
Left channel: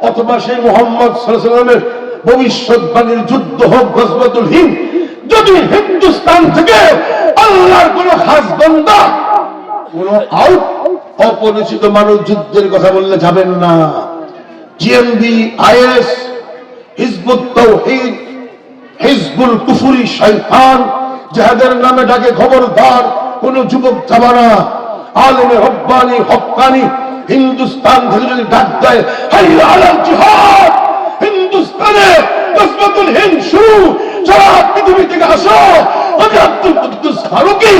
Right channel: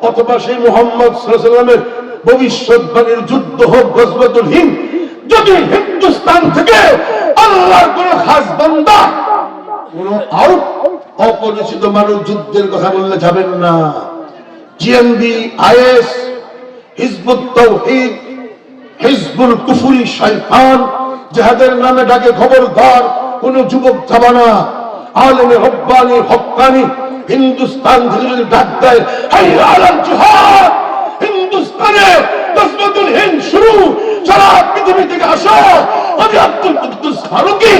অথবা সেই মুহাম্মদ সাল্লাল্লাহু আলাইহি ওয়াসাল্লামের ভবিষ্যৎবাণীর যুদ্ধ হোক গজওয়াতুল হিন্দ, যদি হিন্দুস্তান থেকে আল্লাহর কোন খাস বান্দা, কোন অপরিচিত মানুষ যুদ্ধের কথা বললে যাবেন না। জিএমবি, আইএস, হিজবুত তাওহীদ, হিজবুল কুফরি শয়তান জিহাদের নামে ডাকে, খবরদার কোন যুবক যাবা না। আলেমে রব্বানি হক্কানি হিন্দুস্তান থেকে যদি ডাক দেয় হাইয়া আলাল জিহাদ, হিন্দুস্তানে গজওয়াতুল হিন্দ শুরু, সারা পৃথিবী থেকে আসো, আমি আব্দুল কুদ্দুস ফারুকী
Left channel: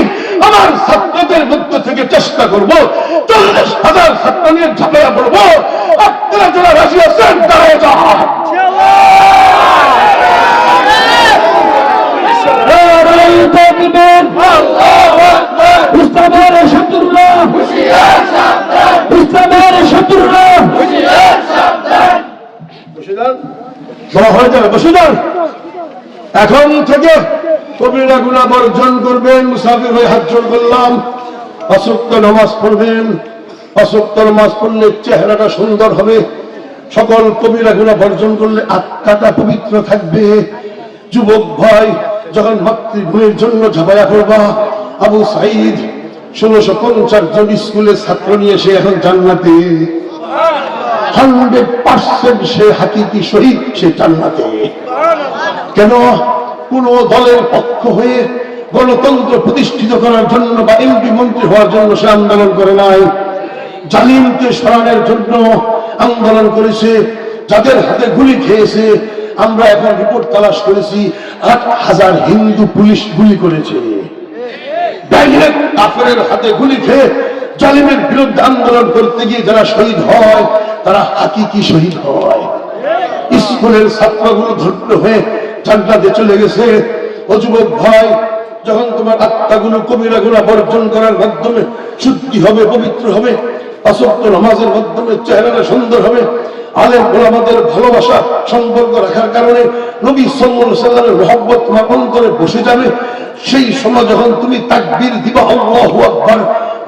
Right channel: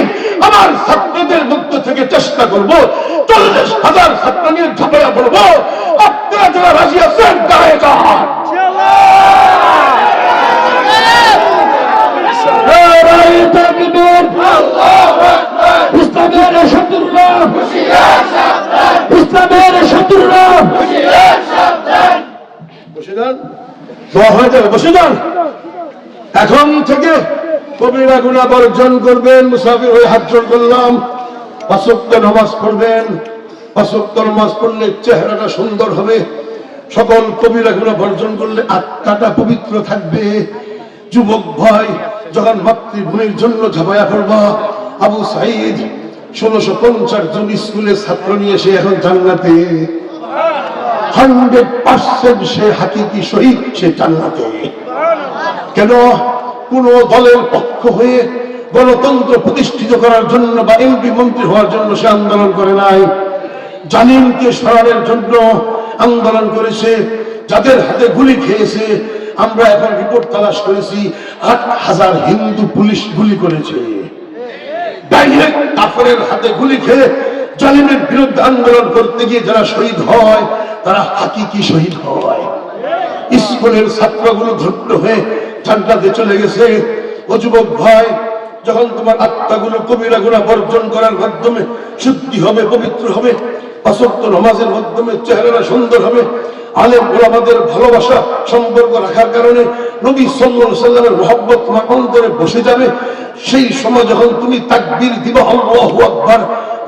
আমার ছাত্রদের মধ্য থেকে চেষ্টা করবো 40,000 ছাত্র নিয়ে ঝাঁপিয়ে পড়বো। আপনারা যারা রাজি আছেন দাঁড়িয়ে যান। নারায়ে তাকবীর, ইসলামের শত্রুরা, ইসলামের শত্রুরা হয়ে যাবে, বসে যান। এখন থেকে কবিরা গুনাহ বর্জন করবেন। মুসাফির হয়ে হাত জোড় করলাম। 5 ওয়াক্ত নামাজ পড়বেন। 5 ওয়াক্ত নামাজ পড়লে চেহারাটা সুন্দর হবে। সকল কবিরা গুনাহ বর্জন করলে আত্মাটা পবিত্র থাকবে। যুবক ভাই, যখন মাতৃভূমির জন্য ঝাঁপায়া পড়বা, আবু সাঈদ 1650 জন স্কুলের ছাত্র নিয়ে সে এখন জান্নাতে। 100% সে হাকিকি শহীদ, সে জান্নাতে। কেন? কোন দলের পক্ষ হয়ে গণতন্ত্র প্রতিষ্ঠিত করার জন্য বা এমপি মন্ত্রী হওয়ার জন্য সে আন্দোলন করে নাই, জালিমকে সরানোর জন্য আন্দোলন করেছে। যাদের হাতে গুলি খেয়েছে, আমরা এখন রিপোর্ট তালাশ করেছি 8,000 হিন্দু পুলিশ গুলি করেছে। ডাইরেক্ট কাফেরের হাতে গুলি খেয়ে জালিমের বিরুদ্ধে আন্দোলন করতে গিয়ে যারা শহীদ হয় তারা হাকিকি শহীদ হয়। স্কুলের ছাত্রগুলো ধন্য হয়ে জান্নাতে চলে গেছে। ও যুবক ভাই, যখন তোমার আত্মাগুলো কবিরা গুনাহ বর্জন করার মাধ্যমে শুদ্ধি হবে, পবিত্র হবে, 5 ওয়াক্ত নামাজের মাধ্যমে চেহারাটা সুন্দর হবে, আলেম ওলামাদের ভালোবাসা সম্পর্ক রাখার কারণে নবী সাল্লাল্লাহু আলাইহি ওয়াসাল্লামের মহব্বত তোমার অন্তরে বসে যাবে, সেই সময় যখন তুমি তাকবীর দিবা আল্লাহু আকবার,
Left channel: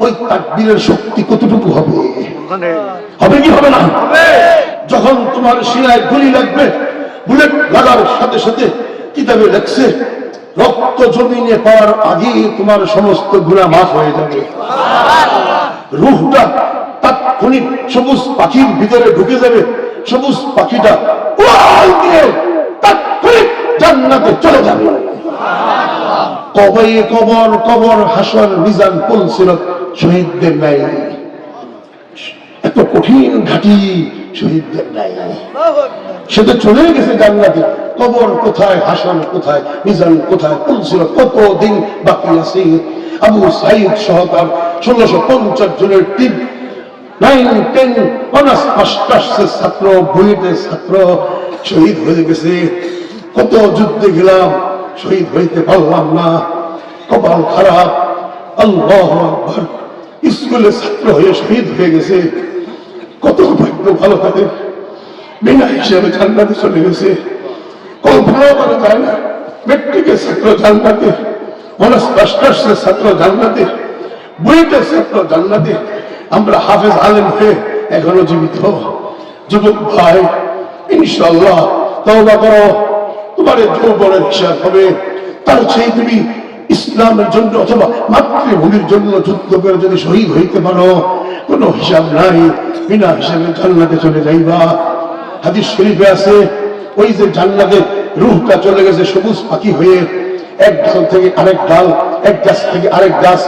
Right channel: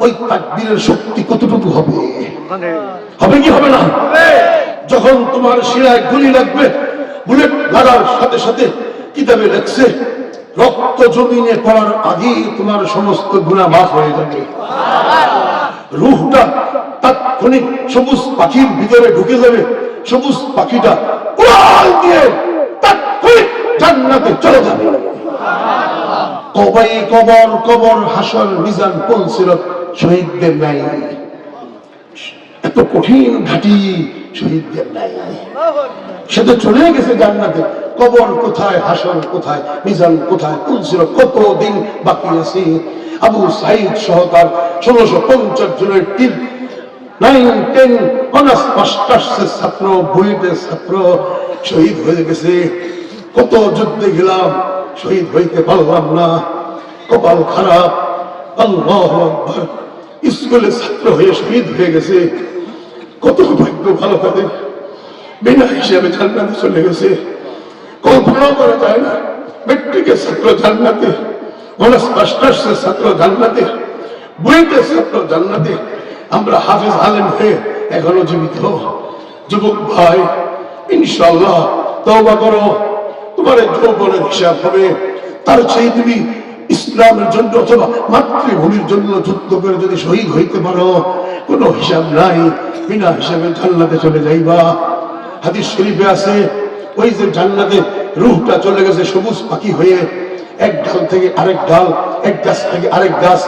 ওই তাকবীরের শক্তি কতটুকু হবে? হবে কি হবে না? যখন তোমার শিরায় গুলি লাগবে, বুলেট লাগার সাথে সাথে কিতাবে লেখছে রক্ত জমিনে পড়ার আগে তোমার সমস্ত গুনাহ মাফ হয়ে যাবে। রূহটা তাৎক্ষণিক সবুজ পাখির ভিতরে ঢুকে যাবে। সবুজ পাখিটা উড়াল দিয়ে তাৎক্ষণিক জান্নাতে চলে যাবে। কবর, কবর, হাসর, মিজান, পুলসিরাত শহীদদের নাই, এত কঠিন ঘাটি শহীদদের নাই। সে তো চলে গেছে জান্নাতে। কবর কোথায়, হাসর কোথায়, মিজান কোথায়, পুলসির কত দিন বাকি আছে। আবু সাইদ সহ তার 1650 জনের টিম, 9, 10 অনার্স মাস্টার্সের ছাত্র, বুয়েটের ছাত্র শহীদ হয়ে গেছে। কত যুদ্ধে গেলাম, শহীদ হইতে পারলাম না, কপাল খারাপ। আল্লাহু আকবার, স্কুলের ছাত্র হয়ে শহীদ হয়ে গেছে। কত ভাগ্য ভালো তাদের, বিনা হিসেবে জান্নাতে চলে গেছে। কল্পনা করা যায় না, মেট্রিকের ছাত্র জান্নাতে, অনার্স মাস্টার্সের ছাত্র জান্নাতে, বুয়েটের ছাত্র জান্নাতে। আমরা হাফেজ আলেম হয়ে এখনো জীবিত। যুবক ভাই, ইনশাআল্লাহ তওবা করো, তোমার যৌবনের হিসাব হবে। তার চেয়ে তুমি ইসলামের জন্য অথবা মাতৃভূমির জন্য যুদ্ধ করে যদি শহীদ হইতে পারো, কোনো হিসাব নাই, বিনা হিসাবে জান্নাতে চলে যাইবা। হাদিস শরীফে আছে, ওই যে জান্নাতে রূহটা চলে গেছে সবুজ পাখি হয়ে, এক ডাল থেকে আরেক ডাল, এক গাছ থেকে আরেক গাছ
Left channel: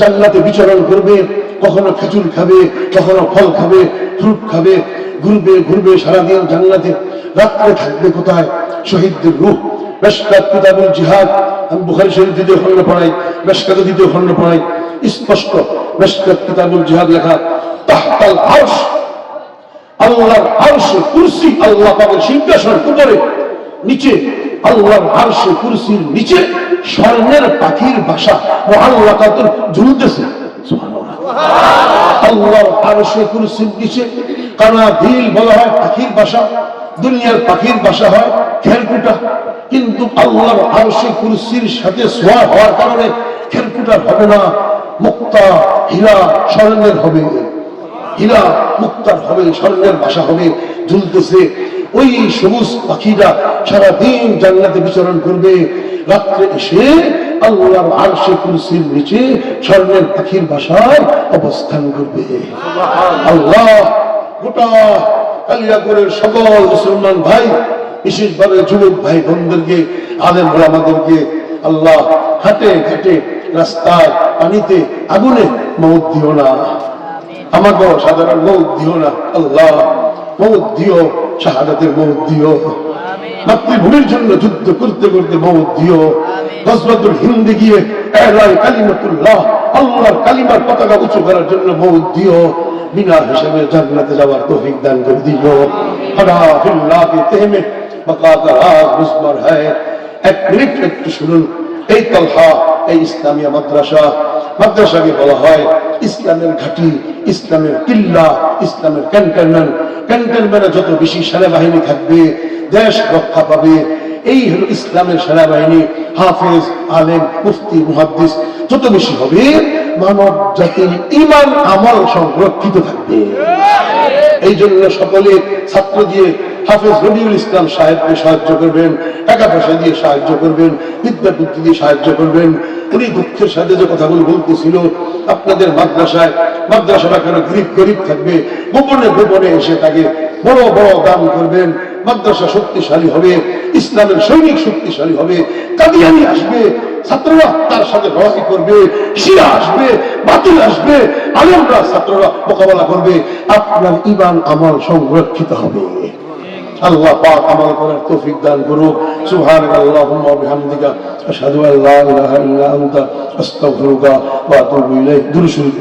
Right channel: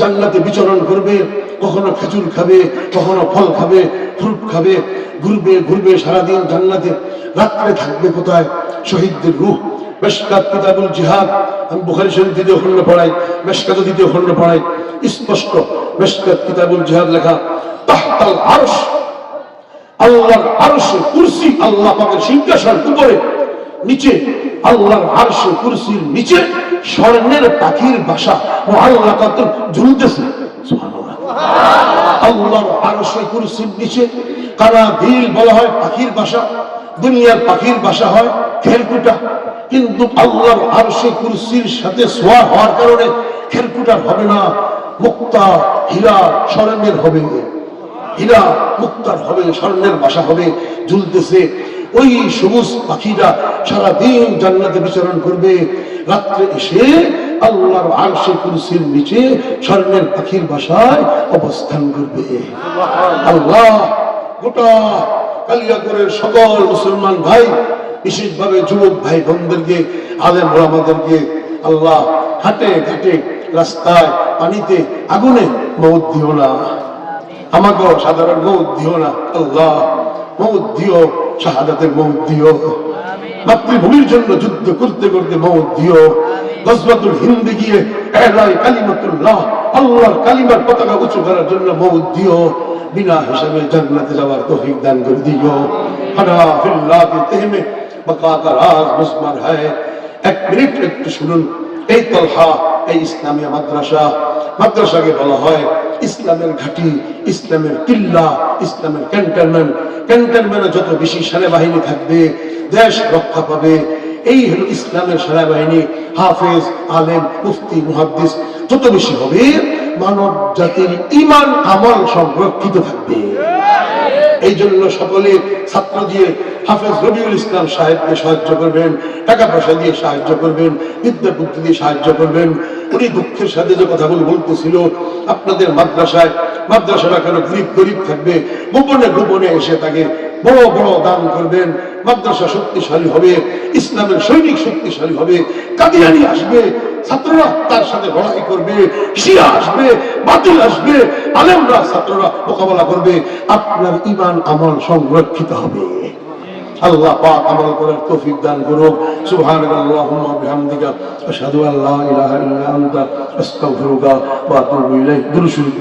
জান্নাতে বিচরণ করবে। কখনো খেজুর খাবে, কখনো ফল খাবে, ফ্রুট খাবে, ঘুরবে ঘুরবে সারাদিন জান্নাতে। রাত্রে থাকবে কোথায়? শহীদদের রূহ। মেশকাত কিতাবুল জিহাদ, আমি বুখারী শরীফ 2য় খণ্ড পড়াই, মেশকাত 2য় খণ্ড পড়াই, স্পষ্ট মেশকাত কিতাবুল জিহাদ লেখা, তাহতাল আরশ, আল্লাহর আরশ কুরসি, আল্লাহ পাকের সিংহাসন উপরে, নিচে আল্লাহর আরশ কুরসির নিচে স্বর্ণের পাখির বাসা ও আল্লাহ কাতর ঝুলতেছে। সুবহানাল্লাহ। আল্লাহর আরশ কুরসির নিচে কানাবিল বলা হয় পাখির বাসা। দুনিয়ার পাখির বাসা হয় খেরকুটা, কিন্তু আল্লাহর আরশ কুরসির সাথে সোয়া হওয়ার কারণে খেরকুটার হবে না, মুক্তা হীরা স্বর্ণের হবে, হীরা মুক্তার হবে, স্বর্ণের বাসা হবে, ঝুলতেছে। ওই সবুজ পাখিরা সারাদিন জান্নাতে বিচরণ করবে, রাত্রে এসে আল্লাহর আরশে কুরসির নিচে স্বর্ণের পাখির বাসায় অবস্থান করবে। আল্লাহ গোটা কালিয়াকৈরের সকল মুসলমান ভাই, বিশেষভাবে যুবক ভাই বোনদেরকে, আলেম ওলামাদেরকে আল্লাহ হাটে ঘাটে, রাস্তায়, পানিতে, আগুনে মওত দিও না, আমাকেও সাধারণ মওত দিও না। আল্লাহ মওত দিও, শাহাদাতের মওত দিও, মাতৃভূমির জন্য যুদ্ধ করতে করতে মওত দিও, গজওয়াতুল হিন্দে গিয়ে এলায় কালিমাতুল্লাহ, আল্লাহর কালিমার পতাকা উঁচু করার জন্য মওত দিও, বিনা হিসাবে জান্নাতে যাওয়ার তৌফিক দান করে দিও। আনা ফিল্লাহ কে তেহমে বকা কা রাজ মুসমার है। এক মিনিট একটু শুনুন। এই তালহা, এই ইসলামিয়া মাদ্রাসা, মাদ্রাসাকে বলা হয় ইসলামের ঘাঁটি, ইসলামের কিল্লা, ইসলামের ক্যান্টনমেন্ট। ক্যান্টনমেন্টে যত বেশি সেনাবাহিনী থাকবে, দেশ রক্ষা পাবে। এই হলো ইসলামের সেনাবাহিনী। হাফেজ, আলেম, মুফতি, মুহাদ্দিস যত বেশি হবে, মানব জাতির ঈমান আমল সংরক্ষিত থাকবে। এই জন্য সকলে ছাত্র দিয়ে হাফেজ রবিউল ইসলাম সাহেবকে সাহায্য করবেন, টাকা পয়সা দিয়ে সাহায্য করবেন, বিদ্যা বুদ্ধি দিয়ে সাহায্য করবেন। উনি দুঃখের সাথে যে কথাগুলো বলতেছিল, আপনাদের মাদ্রাসাটা কেন গরিব গরিব থাকবে, গোপনে গোপনে এসে তাকে বড় বড় দান করবেন। মাদ্রাসা শক্তিশালী হবে, ইসলামের সৈনিক শক্তিশালী হবে, কাদিয়ানি আসবে, ছাত্ররা তার সাথে লড়াই করবে, শিয়া আসবে, বাতিল আসবে, আলেমরা ছাত্ররা মোকাবেলা করবে। আপনার ঈমান আমল সংরক্ষিত হবে। আল্লাহ পাক আমল করার তৌফিক দান করুক। সুবহানাল্লাহুম্মা ওয়া বিহামদিকা আশহাদু আল্লা ইলাহা ইল্লা আনতা আস্তাগফিরুকা ওয়া আতুবু ইলাইক। দুরূদ শরীফ।